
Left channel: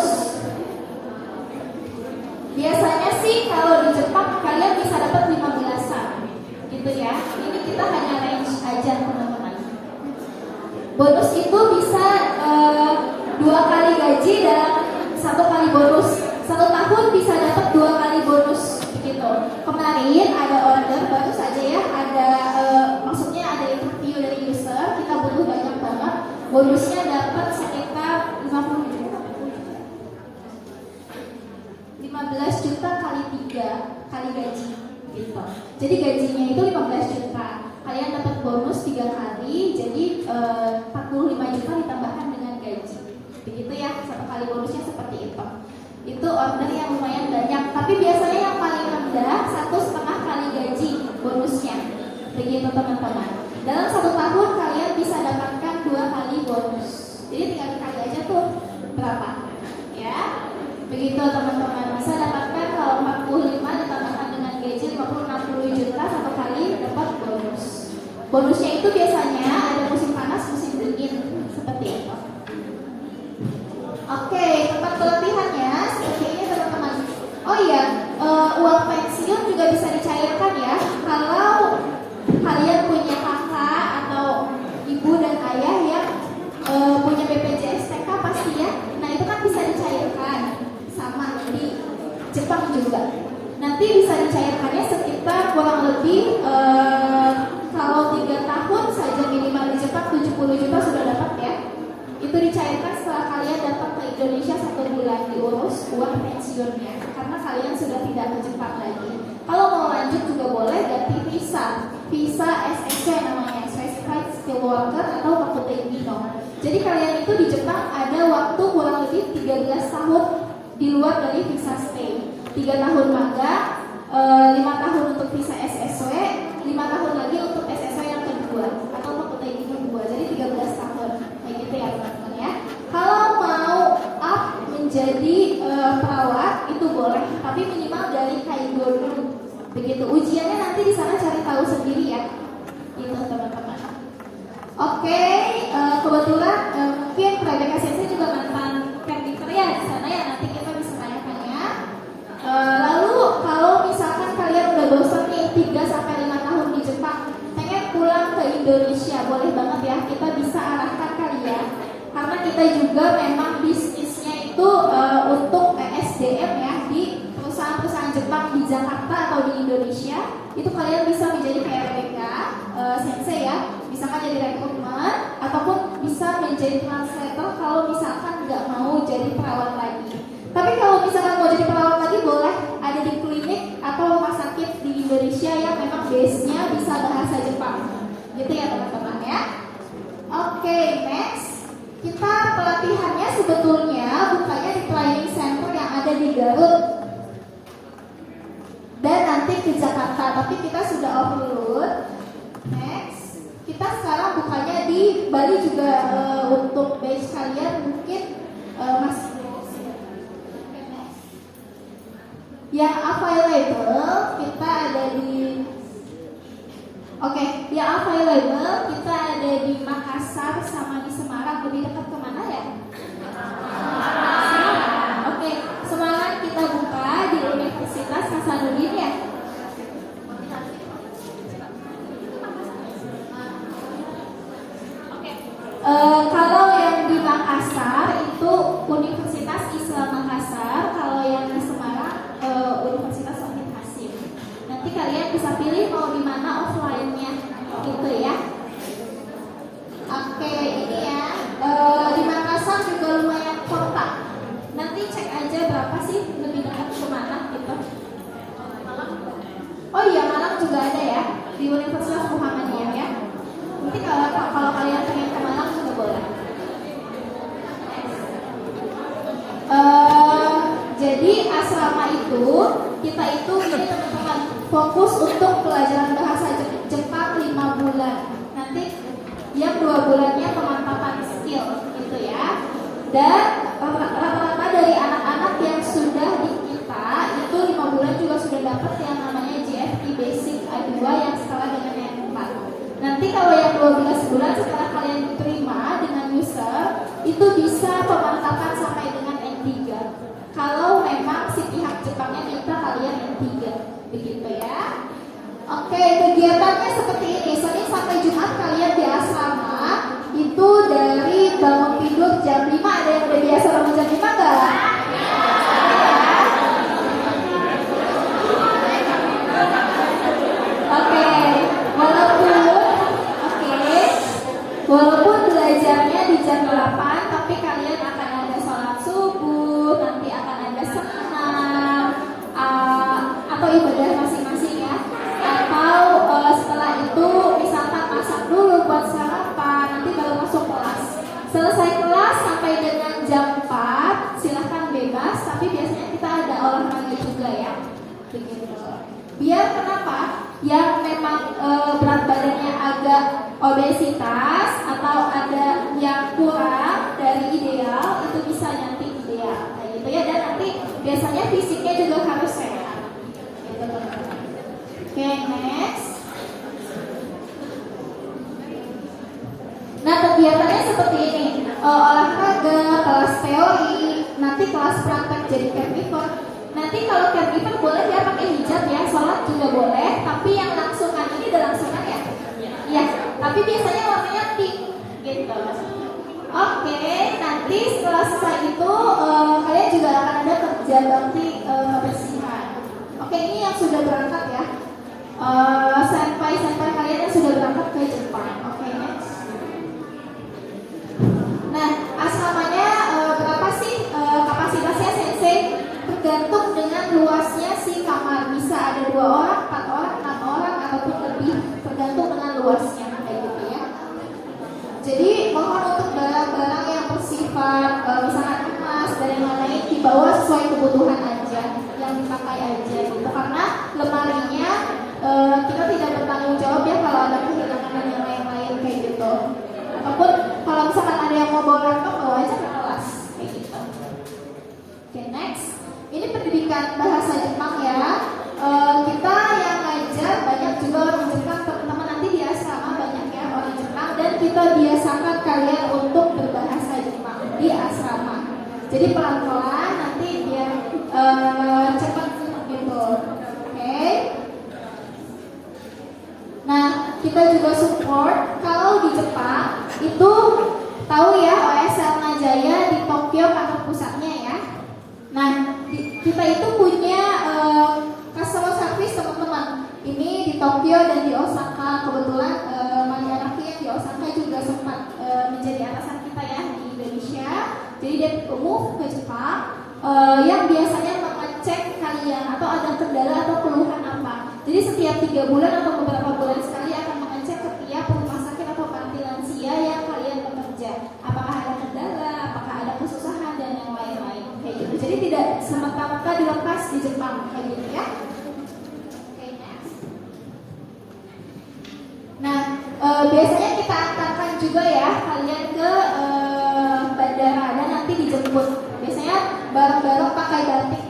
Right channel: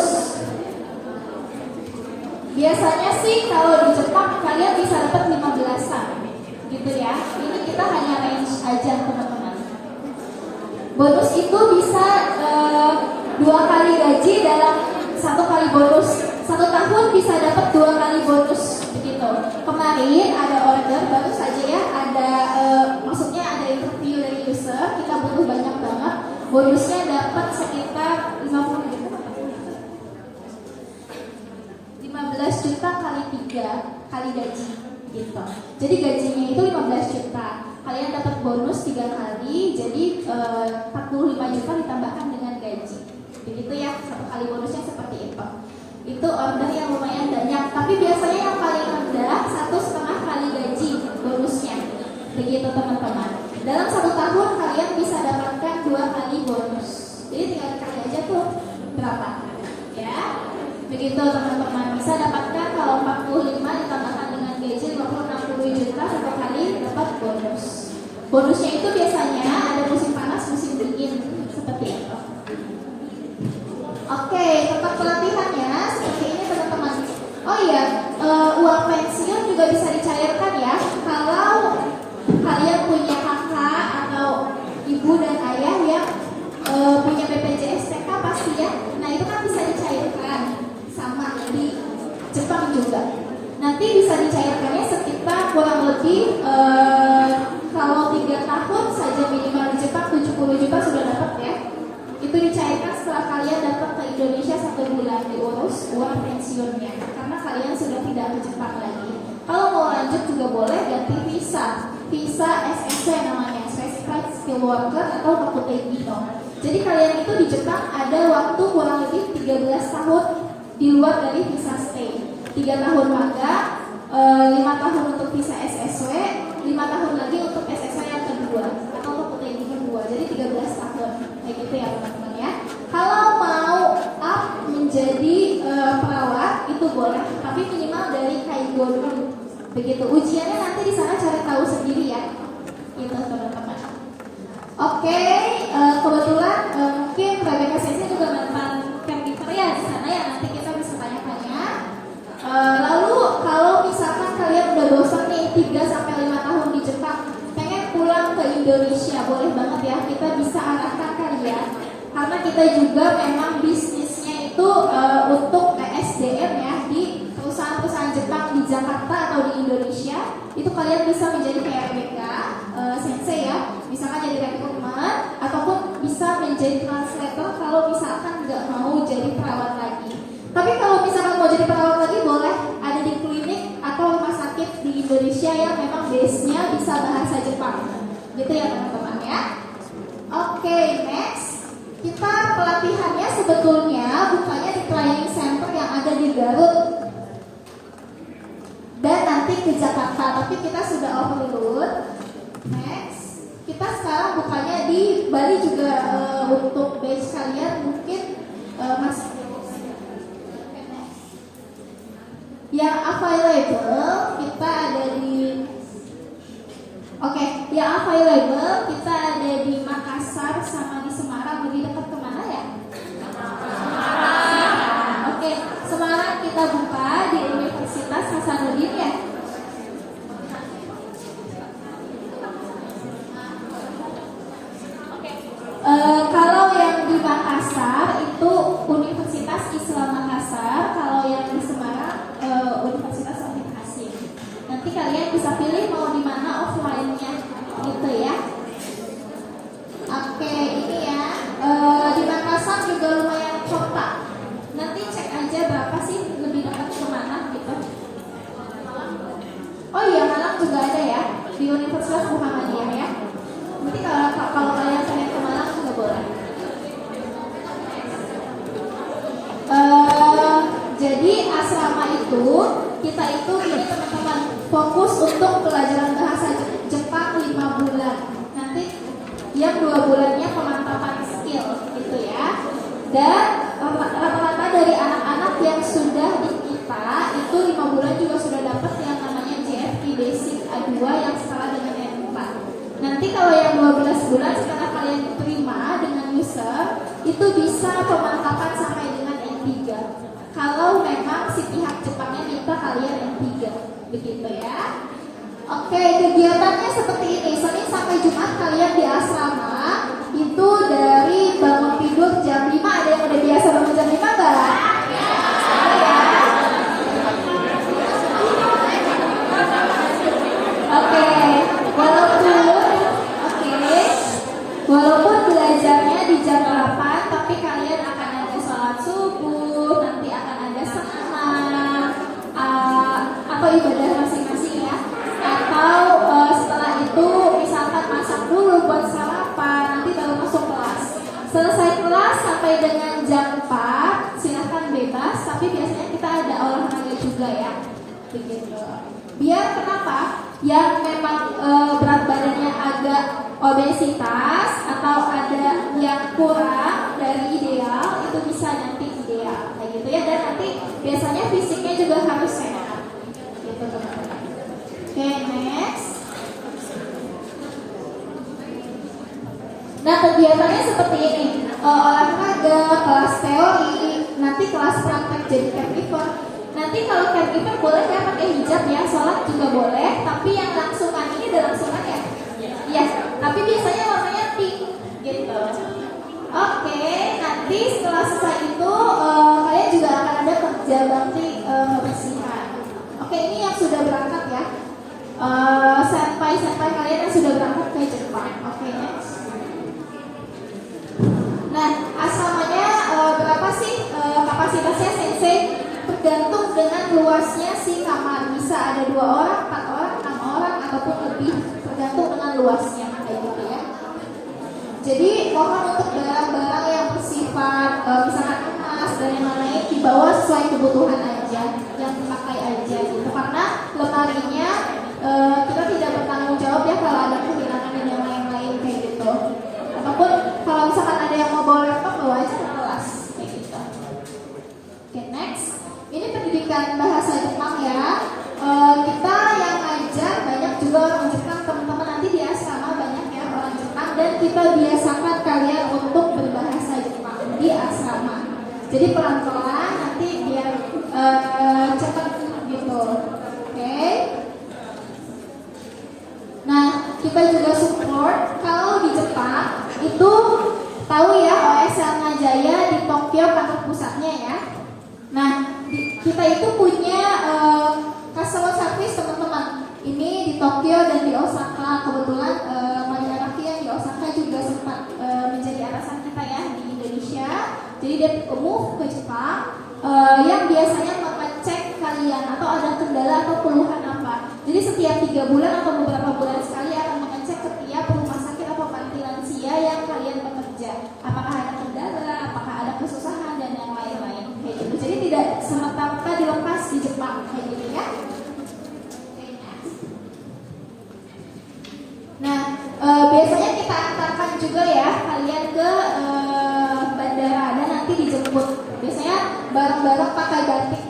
Biasanya sih kalau di Jepang kalian bisa dapat 15-an gitu ya. Ini kita hanya range aja teman-teman. Bonus itu bisa 2 kali gaji dalam 1 kali bonus. 1 tahun bisa dapat 2 kali bonus begitu. Kemarin ada order baru saja ya, ada maksudnya ada interview dari user, kita butuh banyak banget. Bonusnya dapat sekitar 50 juta. 15 juta kali 3 kali gaji gitu. Jadi gajinya itu 15 juta. Kalian dapat bonus 3 kali, jadi 45 juta ditambahkan dengan gaji. Begitu ya, 1 kali bonusnya seperti itu. Itu order yang lumayan banyak, tapi biasanya yang paling rendah 1,5 kali gaji bonusnya. Begitu teman-teman. Dalam 1 tahun kalian bisa dapatkan 2 kali bonus. Jadi tinggal kali aja tuh berapa ya. Begitu teman-teman, bisa dapatkan kalau 45 ditambahkan dengan gaji 50-60 juta 1 kali dapat bonus. Bonusnya itu biasanya ada musim panas, musim dingin seperti itu. Oke, tempat pelatihannya seperti ini teman-teman. Oh iya, uang pensiun juga bisa dicairkan ya. Kalau kalian punya kakak atau ibu dan ayah yang punya BPJS TK pasti ya. Nah itu kan bisa dicairkan sama di Jepang juga. Nanti bisa dicairkannya sekitar kurang lebih kalau 3 tahun saja minimal di Jepang 70 juta sudah dapat ya. Itu dicairkan setelah kalian datang ke Indonesia 1 bulan diurus uang pensiunnya, karena kalian sudah tidak ke Jepang lagi. Kalau mau lanjut juga boleh ganti visa SSW namanya, Certified Skilled Worker atau Nakutei no. Jadi kalian itu di Jepang ada waktu kurang lebih 13 tahun di luar dari visa stay. 3 tahun magang, 5 tahun untuk visa SSW, 5 tahun lagi untuk SSW yang kedua atau Nakutei no kedua. Jadi 13 tahun. Kayak gitu ya teman-teman ya. Kalau mau up menjadi perawat itu boleh, tapi minimal dari Kaigo dulu. Begitu. Ujiannya nanti di sana cari tahu sendiri ya. Gitu teman-teman. Oke, kebetulan mungkin Praga KCC juga mantan caregiver ya di sana ya, nanti kita bisa tanya-tanya. Lalu kalau misalkan kalian udah bosan nih 3-5 tahun di Jepang, pengen pulang ke Indonesia, boleh banget ya, kita bisa arahkan kalian. Karena kita juga memang bisnisnya itu untuk ESDM ya, di perusahaan-perusahaan Jepang di Jakarta atau di Indonesia. Itu kalian bisa menjadi kayak RBK, sensei ya, misalkan jadi rekrutmen, ataupun bisa menjadi translator kalau misalkan nggak mau jadi perawat lagi. Tapi kalau misalkan mau jadi perawat lagi boleh, ada di klinik atau rumah sakit di Indonesia yang memang base-nya bisa bahasa Jepang. Gitu ya teman-teman ya. Oke, next. Kita pelatihannya sebetulnya bukannya di training center yang ada di Garut dan nanti ke Jakarta, tapi kita sudah overload. Next, kita sekarang bukannya di Bali juga untuk base kalian mungkin masih yang available kita ada di yang available kita ada di Makassar sama di Semarang. Lebih dekat kemana ya? Oke, Semarang kita buka di Universitas Hasanuddin ya. Kalau yang di Makassar itu itu kita itu ini teman-teman fokus untuk pelajaran bahasa Jepang 5 bulan. Nanti yang 2 bulannya pemantapan skill gitu ya. Dan rata-rata dari anak-anak yang sudah di kita itu 5 bulan juga sudah dapat yang namanya JFT Basic A2 yang setara dengan yang 4. Nanti kalau yang 12 bulan setelah kalian diterima dengan user itu bisa pemantapan sampai dengan N3. Kalau memang si pihak Jepangnya minta kalian N3, begitu ya. Oke, kegiatannya seperti ini. Senin sampai Jumat kalian di asrama itu dari bangun tidur jam 5. Ada yang udah biasa bangun jam 5 enggak? Oke, walaupun belajarnya di jam 8, tapi kalian akan ada sholat subuh, nanti akan ada senam, atau ibadah masing-masing ya. Atau setelah itu misalkan masak dulu buat sarapan, nanti baru masuk kelas. Selesai kelas sampai dengan jam 4, silahkan bebas, tapi biasanya kita ada olahraga juga ya. Begitu. Biar kenapa? Yang memang berat badannya agak obesitas atau ada yang kurang dari ideal itu bisa nanti ideal kayak gitu ya. Dan nanti biasanya fisiknya juga harus sehat gitu teman-teman. Oke, next. Nah, kegiatannya seperti ini. Olahraga, kelas teori, nanti kelas praktek jadi caregiver. Nanti kalau caregiver boleh ya pakai hijab ya, sholat juga boleh. Tapi yang langsungan ini udah langsungan ya? Iya. Tapi biasanya warnanya pink gitu. Oke, nanti setelah selesai itu kalian juga akan ada kerja bakti kebersihan. Oke, ini yang sudah berangkat ya. Senpai kalian yang sudah berangkat ke Jepang. Oke, next. Nah, asramanya berapa sih kapasitasnya sensei? Tergantung dengan luasnya si kamar. Bisa ada 2 orang, 4 orang, 6 orang ataupun lebih, tergantung dengan luasnya kayak gitu ya. Jadi mohon untuk barang-barang yang bersifat misalkan emas dan yang lain dibawa sesuai kebutuhan aja, yang dipakai aja gitu. Karena lemarinya kita tidak bertanggung jawab ya kalau ada kehilangan dan yang lain-lain kayak gitu. Ataupun kalau misalkan ada yang mau bawa laptop, bawa aja ke kelas kayak gitu. Oke, next. Ini pendidikan bahasa Jepang ya. Kita yang ngajar banyak juga orang Jepang, teman-teman. Nanti di asrama banyak ya orang Jepang, dan kita biasakan kalian untuk berbahasa Jepang di asrama. Jadi pelan-pelan nanti biar cepat gitu. Oke. Nah, kita juga support kalau di Jepang itu tahu ya OSL Majaya di Tokyo kantor pusatnya ya. Nah, kita itu punya customer service teman-teman. Ini di Tokyo dan di Osaka. Kebetulan Manaraki yang di Osaka juga sempat menjadi atasan kita ya di Indonesia. Jadi dia move ke Jepang yang biasanya mengecek kalian atau ada kendala atau keluhan apa. Jadi setiap 3 bulan atau beberapa bulan sekali akan mengecek setiap rumah sakit atau panti lansia yang kalian bekerja. Apakah ada kendala, apakah ada kesusahan dan yang lain-lain kayak gitu. Jadi tidak semata-mata dilepas di Jepang kayak gitu ya. Nah, biasanya kita antarkan juga ya kalian ke bandara dan nanti dijemput. Biasanya bareng-bareng pakai batik.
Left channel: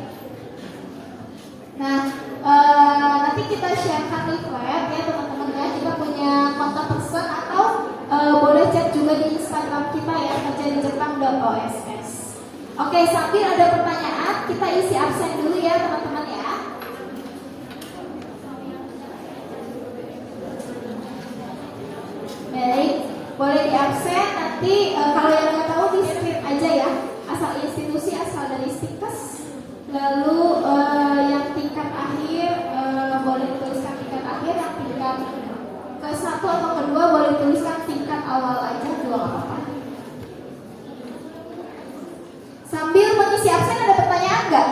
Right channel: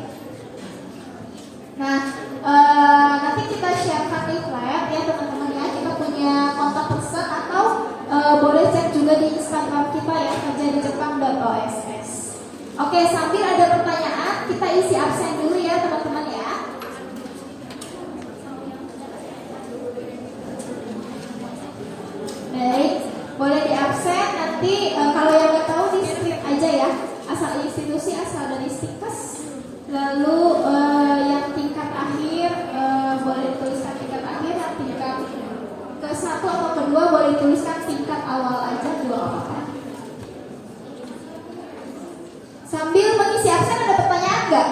Nah, nanti kita sharekan leaflet ya teman-teman ya. Kita punya kontak person atau boleh cek juga di Instagram kita ya, kerjadijepang.oss. Oke, sambil ada pertanyaan kita isi absen dulu ya teman-teman ya. Baik, boleh di absen. Nanti kalau yang nggak tahu di script aja ya, asal institusi, asal dari Stikes. Lalu yang tingkat akhir boleh dituliskan tingkat akhir, yang tingkat ke-1 atau kedua boleh dituliskan tingkat awal aja, 2 apa-apa. Sambil mengisi absen ada pertanyaan nggak?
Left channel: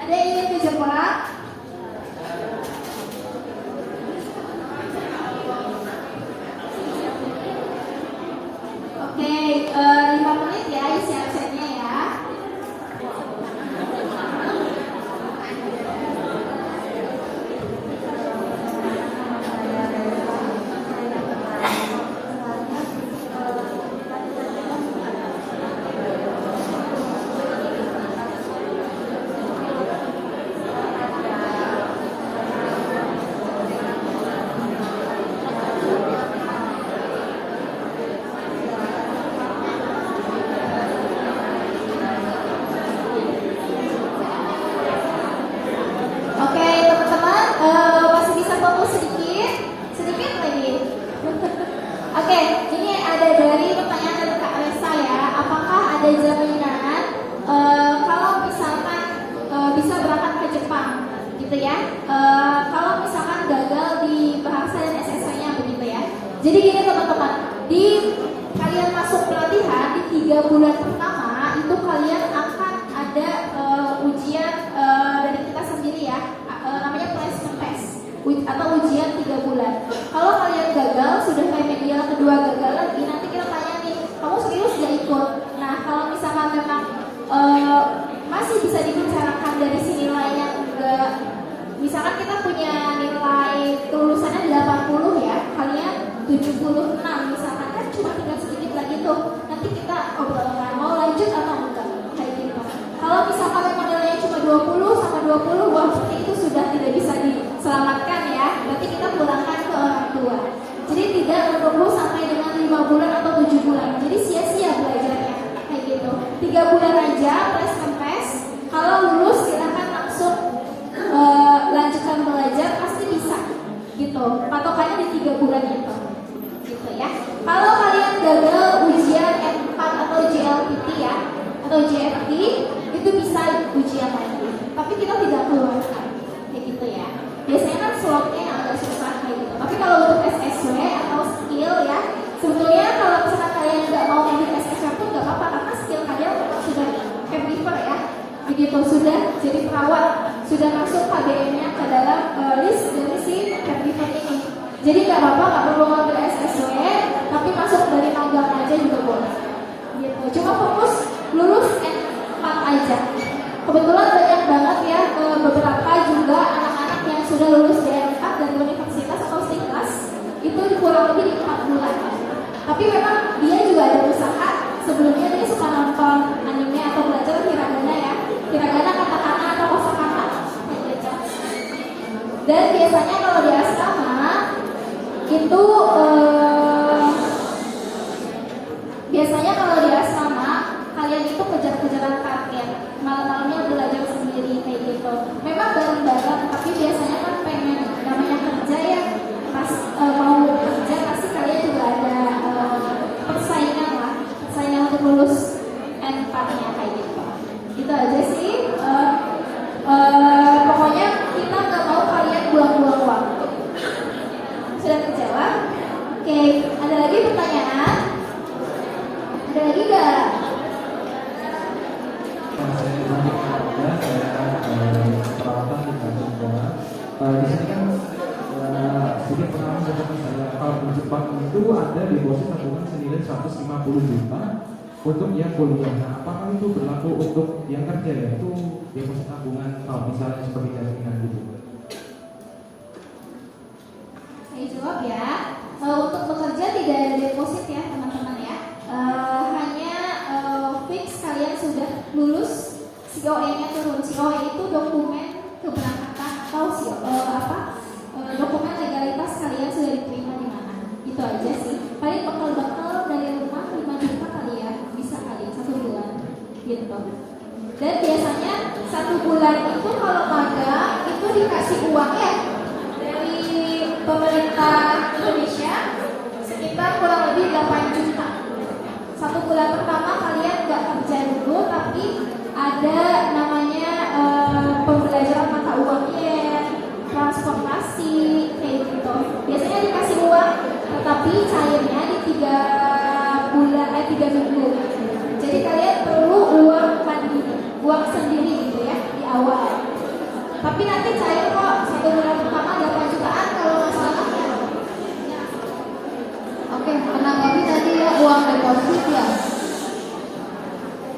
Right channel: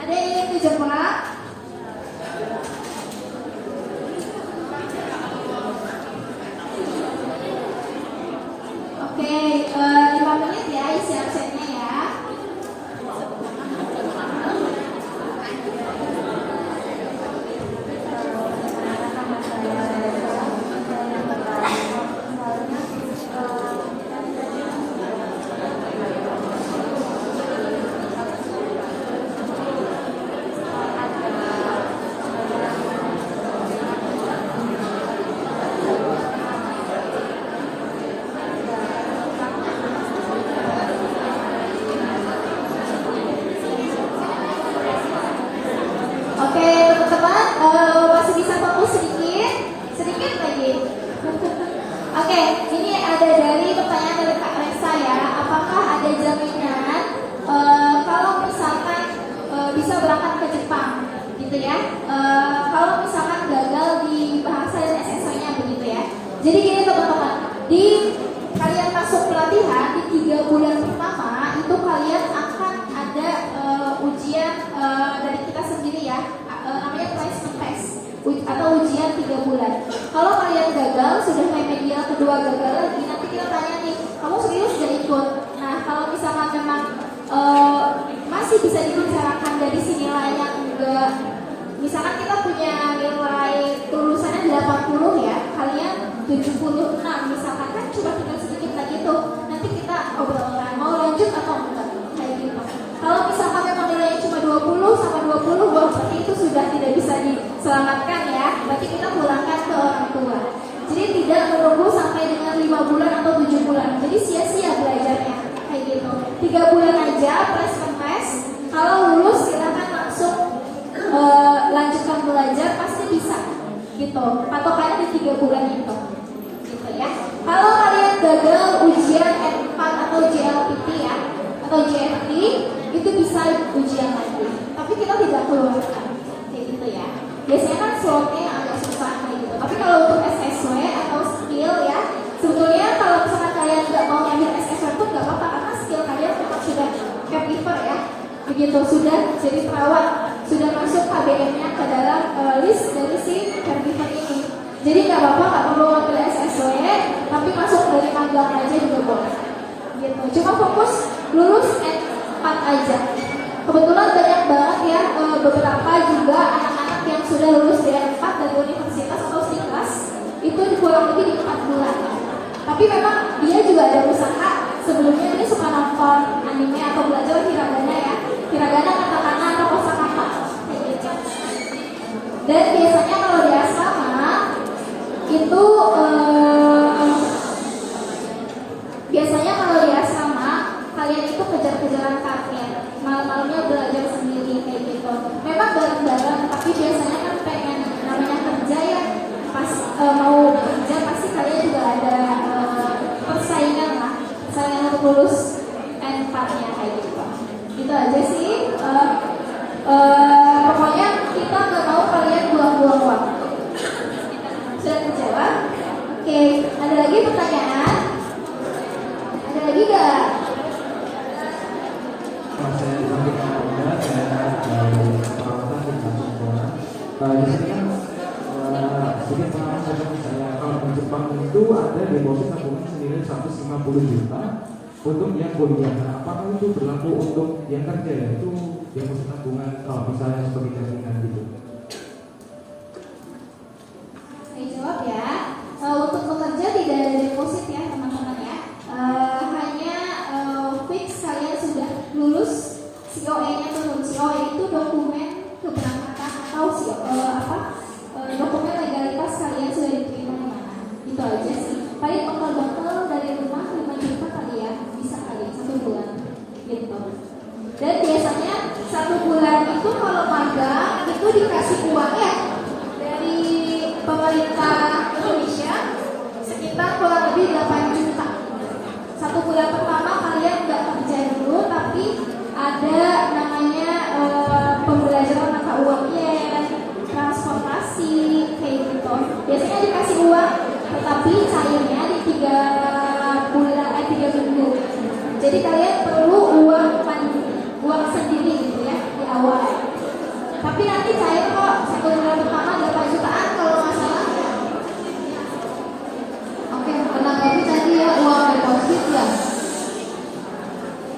Ada yang ingin ke Jepang? Oke, 5 menit ya isi absennya ya. gitu, sudah jadi perawat, sudah masuk KBM-nya ke dalam list dari si caregiver ini. Jadi nggak apa-apa, nggak perlu ambil SSW, tapi masuk dari magang aja juga boleh. Gitu. Cuma fokus lulus N4 aja. Kebetulan banyak banget ya beberapa juga anak-anak yang sudah lulus di N4 dari universitas atau STIKLAS itu kurang lebih 4 bulan. Tapi memang dia juga ada usaha. Sebelumnya dia suka nonton anime atau belajar hiragana ya, hiragana, katakana atau kosakata. Dan biasanya kalau di asrama itu biasanya kalau di asrama kalian itu kejar-kejaran target, malam-malamnya belajar sendiri kayak gitu. Memang bareng-bareng, tapi biasanya kan pengen namanya kerja ya, pas mau kerja pasti kalian juga ada persaingan lah, persaingan untuk lulus N4-nya kayak gitu. Itu aja sih. Pokoknya kita nggak mau kalian buang-buang waktu. Sudah terjawab? Oke, ada lagi pertanyaan? Ada lagi nggak? Saya di sini kan sedikit pengalaman seperti saya, kalau di Jepang itu ada deposit tabungan senilai 150 juta untuk yang kuliah. Apakah itu berlaku untuk yang kerja ya? Itu deposit tabungan kalau misalnya seperti jaminan gitu. Saya jawab ya. Untuk bekerja tidak ada deposit ya teman-teman ya. Hanya fix kalian sudah lulus, COE-nya turun. COE itu dokumen keberangkatan atau dokumen legalitas kalian sudah diterima di mana. Itu aja sih. Paling bekal-bekal dari rumah 5 juta kali ya, bisa kali 1 bulan gitu. Dan biasanya 1 bulan itu kalau magang itu dikasih uang ya dari pemerintah Indonesia sekitar kurang lebih 8 juta. 1 bulan pertama kalian nggak kerja dulu, tapi ada namanya pembelajaran mata uang yen, transportasi kayak gitu. Biasanya dikasih uang, tetapi cairnya di 3 minggu. Jadi kalian perlu uang sendiri gitu ya di awal. Tapi nanti cair kok 1 bulan pertama 8 jutaan kalau nggak salah. Oke, kenapa tadi ya uang deposit ya?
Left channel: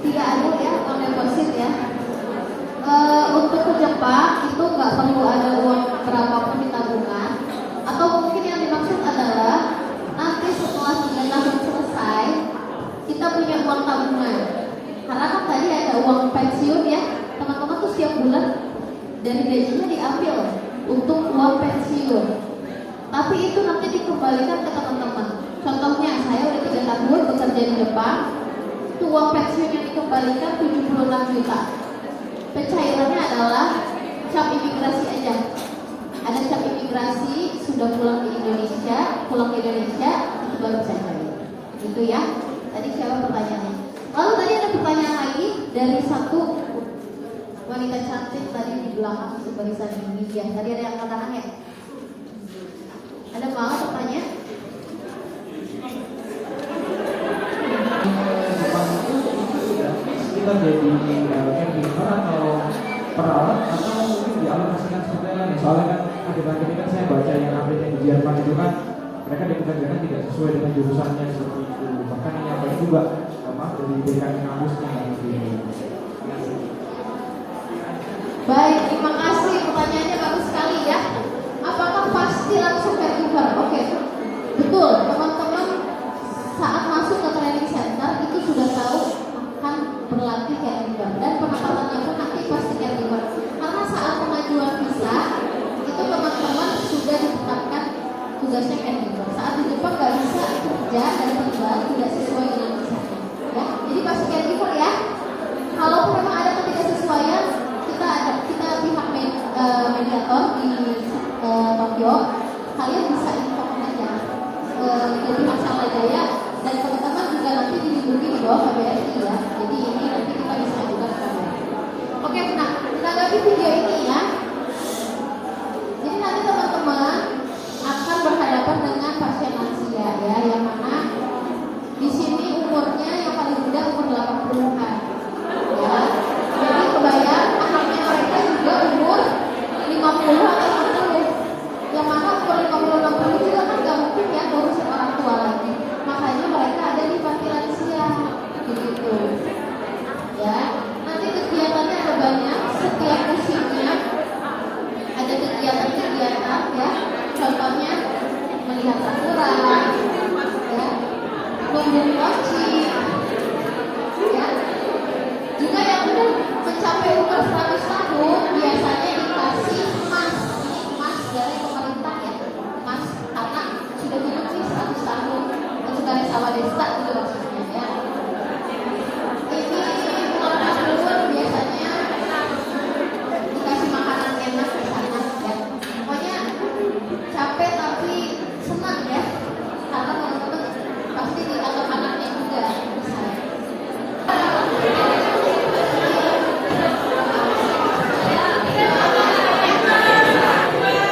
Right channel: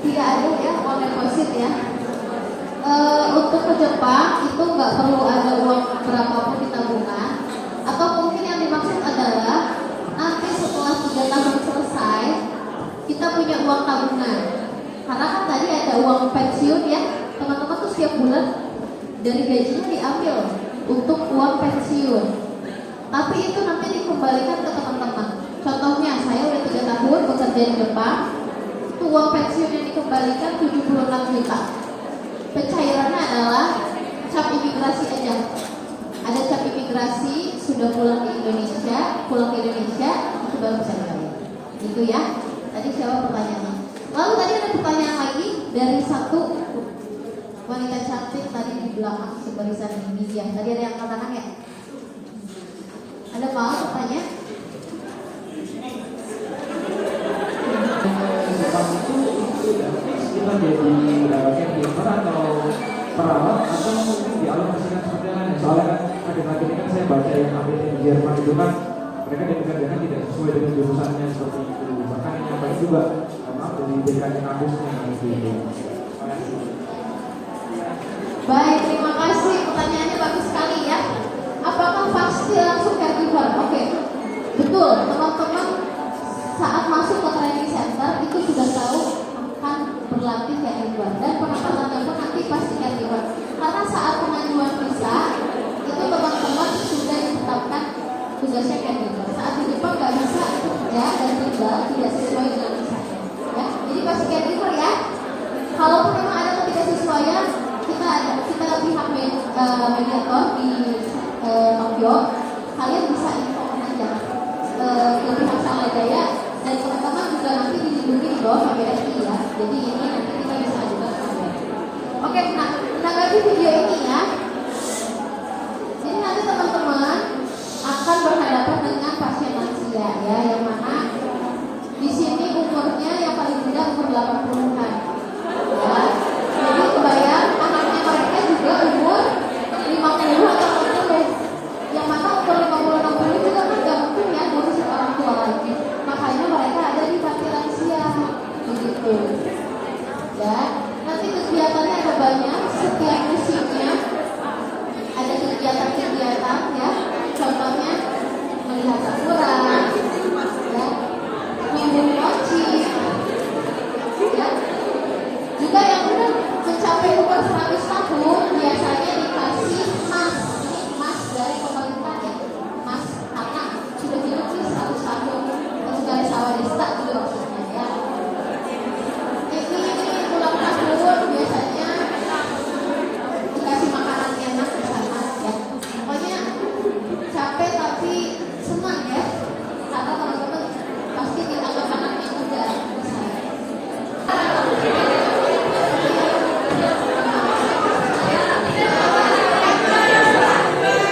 Tidak ada ya uang deposit ya. Untuk ke Jepang itu nggak perlu ada uang berapapun di tabungan. Atau mungkin yang dimaksud adalah nanti setelah 3 tahun selesai kita punya uang tabungan. Karena kan tadi ada uang pensiun ya, teman-teman tuh setiap bulan dari gajinya diambil untuk uang pensiun. Tapi itu nanti dikembalikan ke teman-teman. Contohnya saya udah 3 tahun bekerja di Jepang, itu uang pensiun yang dikembalikan 76 juta. Pencairannya adalah cap imigrasi aja. Ada cap imigrasi, sudah pulang ke Indonesia, itu baru bisa cair. Gitu ya. Tadi siapa pertanyaannya? Lalu tadi ada pertanyaan lagi dari satu wanita cantik tadi di belakang sebarisan ini ya. Tadi ada yang katakan ya. Ada mau bertanya? Kita jadi caregiver atau perawat atau mungkin dialokasikan seperti lain. Soalnya kan akhir-akhir ini kan saya baca yang update di Jerman itu kan mereka dipekerjakan tidak sesuai dengan jurusannya seperti itu. Bahkan yang nyampe juga maaf dari berikan kampusnya gitu. Baik, terima kasih. Pertanyaannya bagus sekali ya. Apakah pasti langsung caregiver? Oke, betul. Teman-teman saat masuk ke training center itu sudah tahu kan berlatih caregiver dan penempatannya pun nanti pasti caregiver. Karena saat pengajuan visa itu teman-teman sudah ditetapkan tugasnya caregiver. Saat di Jepang nggak bisa kerja dan tinggal tidak sesuai dengan visanya. Ya, jadi pasti caregiver ya. Kalau memang ada ketidaksesuaian, kita pihak mediator di Tokyo, kalian bisa inform aja ke pihak Samajaya dan teman-teman juga nanti dilindungi di bawah KBRI ya. Jadi ini nanti kita bisa juga. Oke, nah menanggapi video ini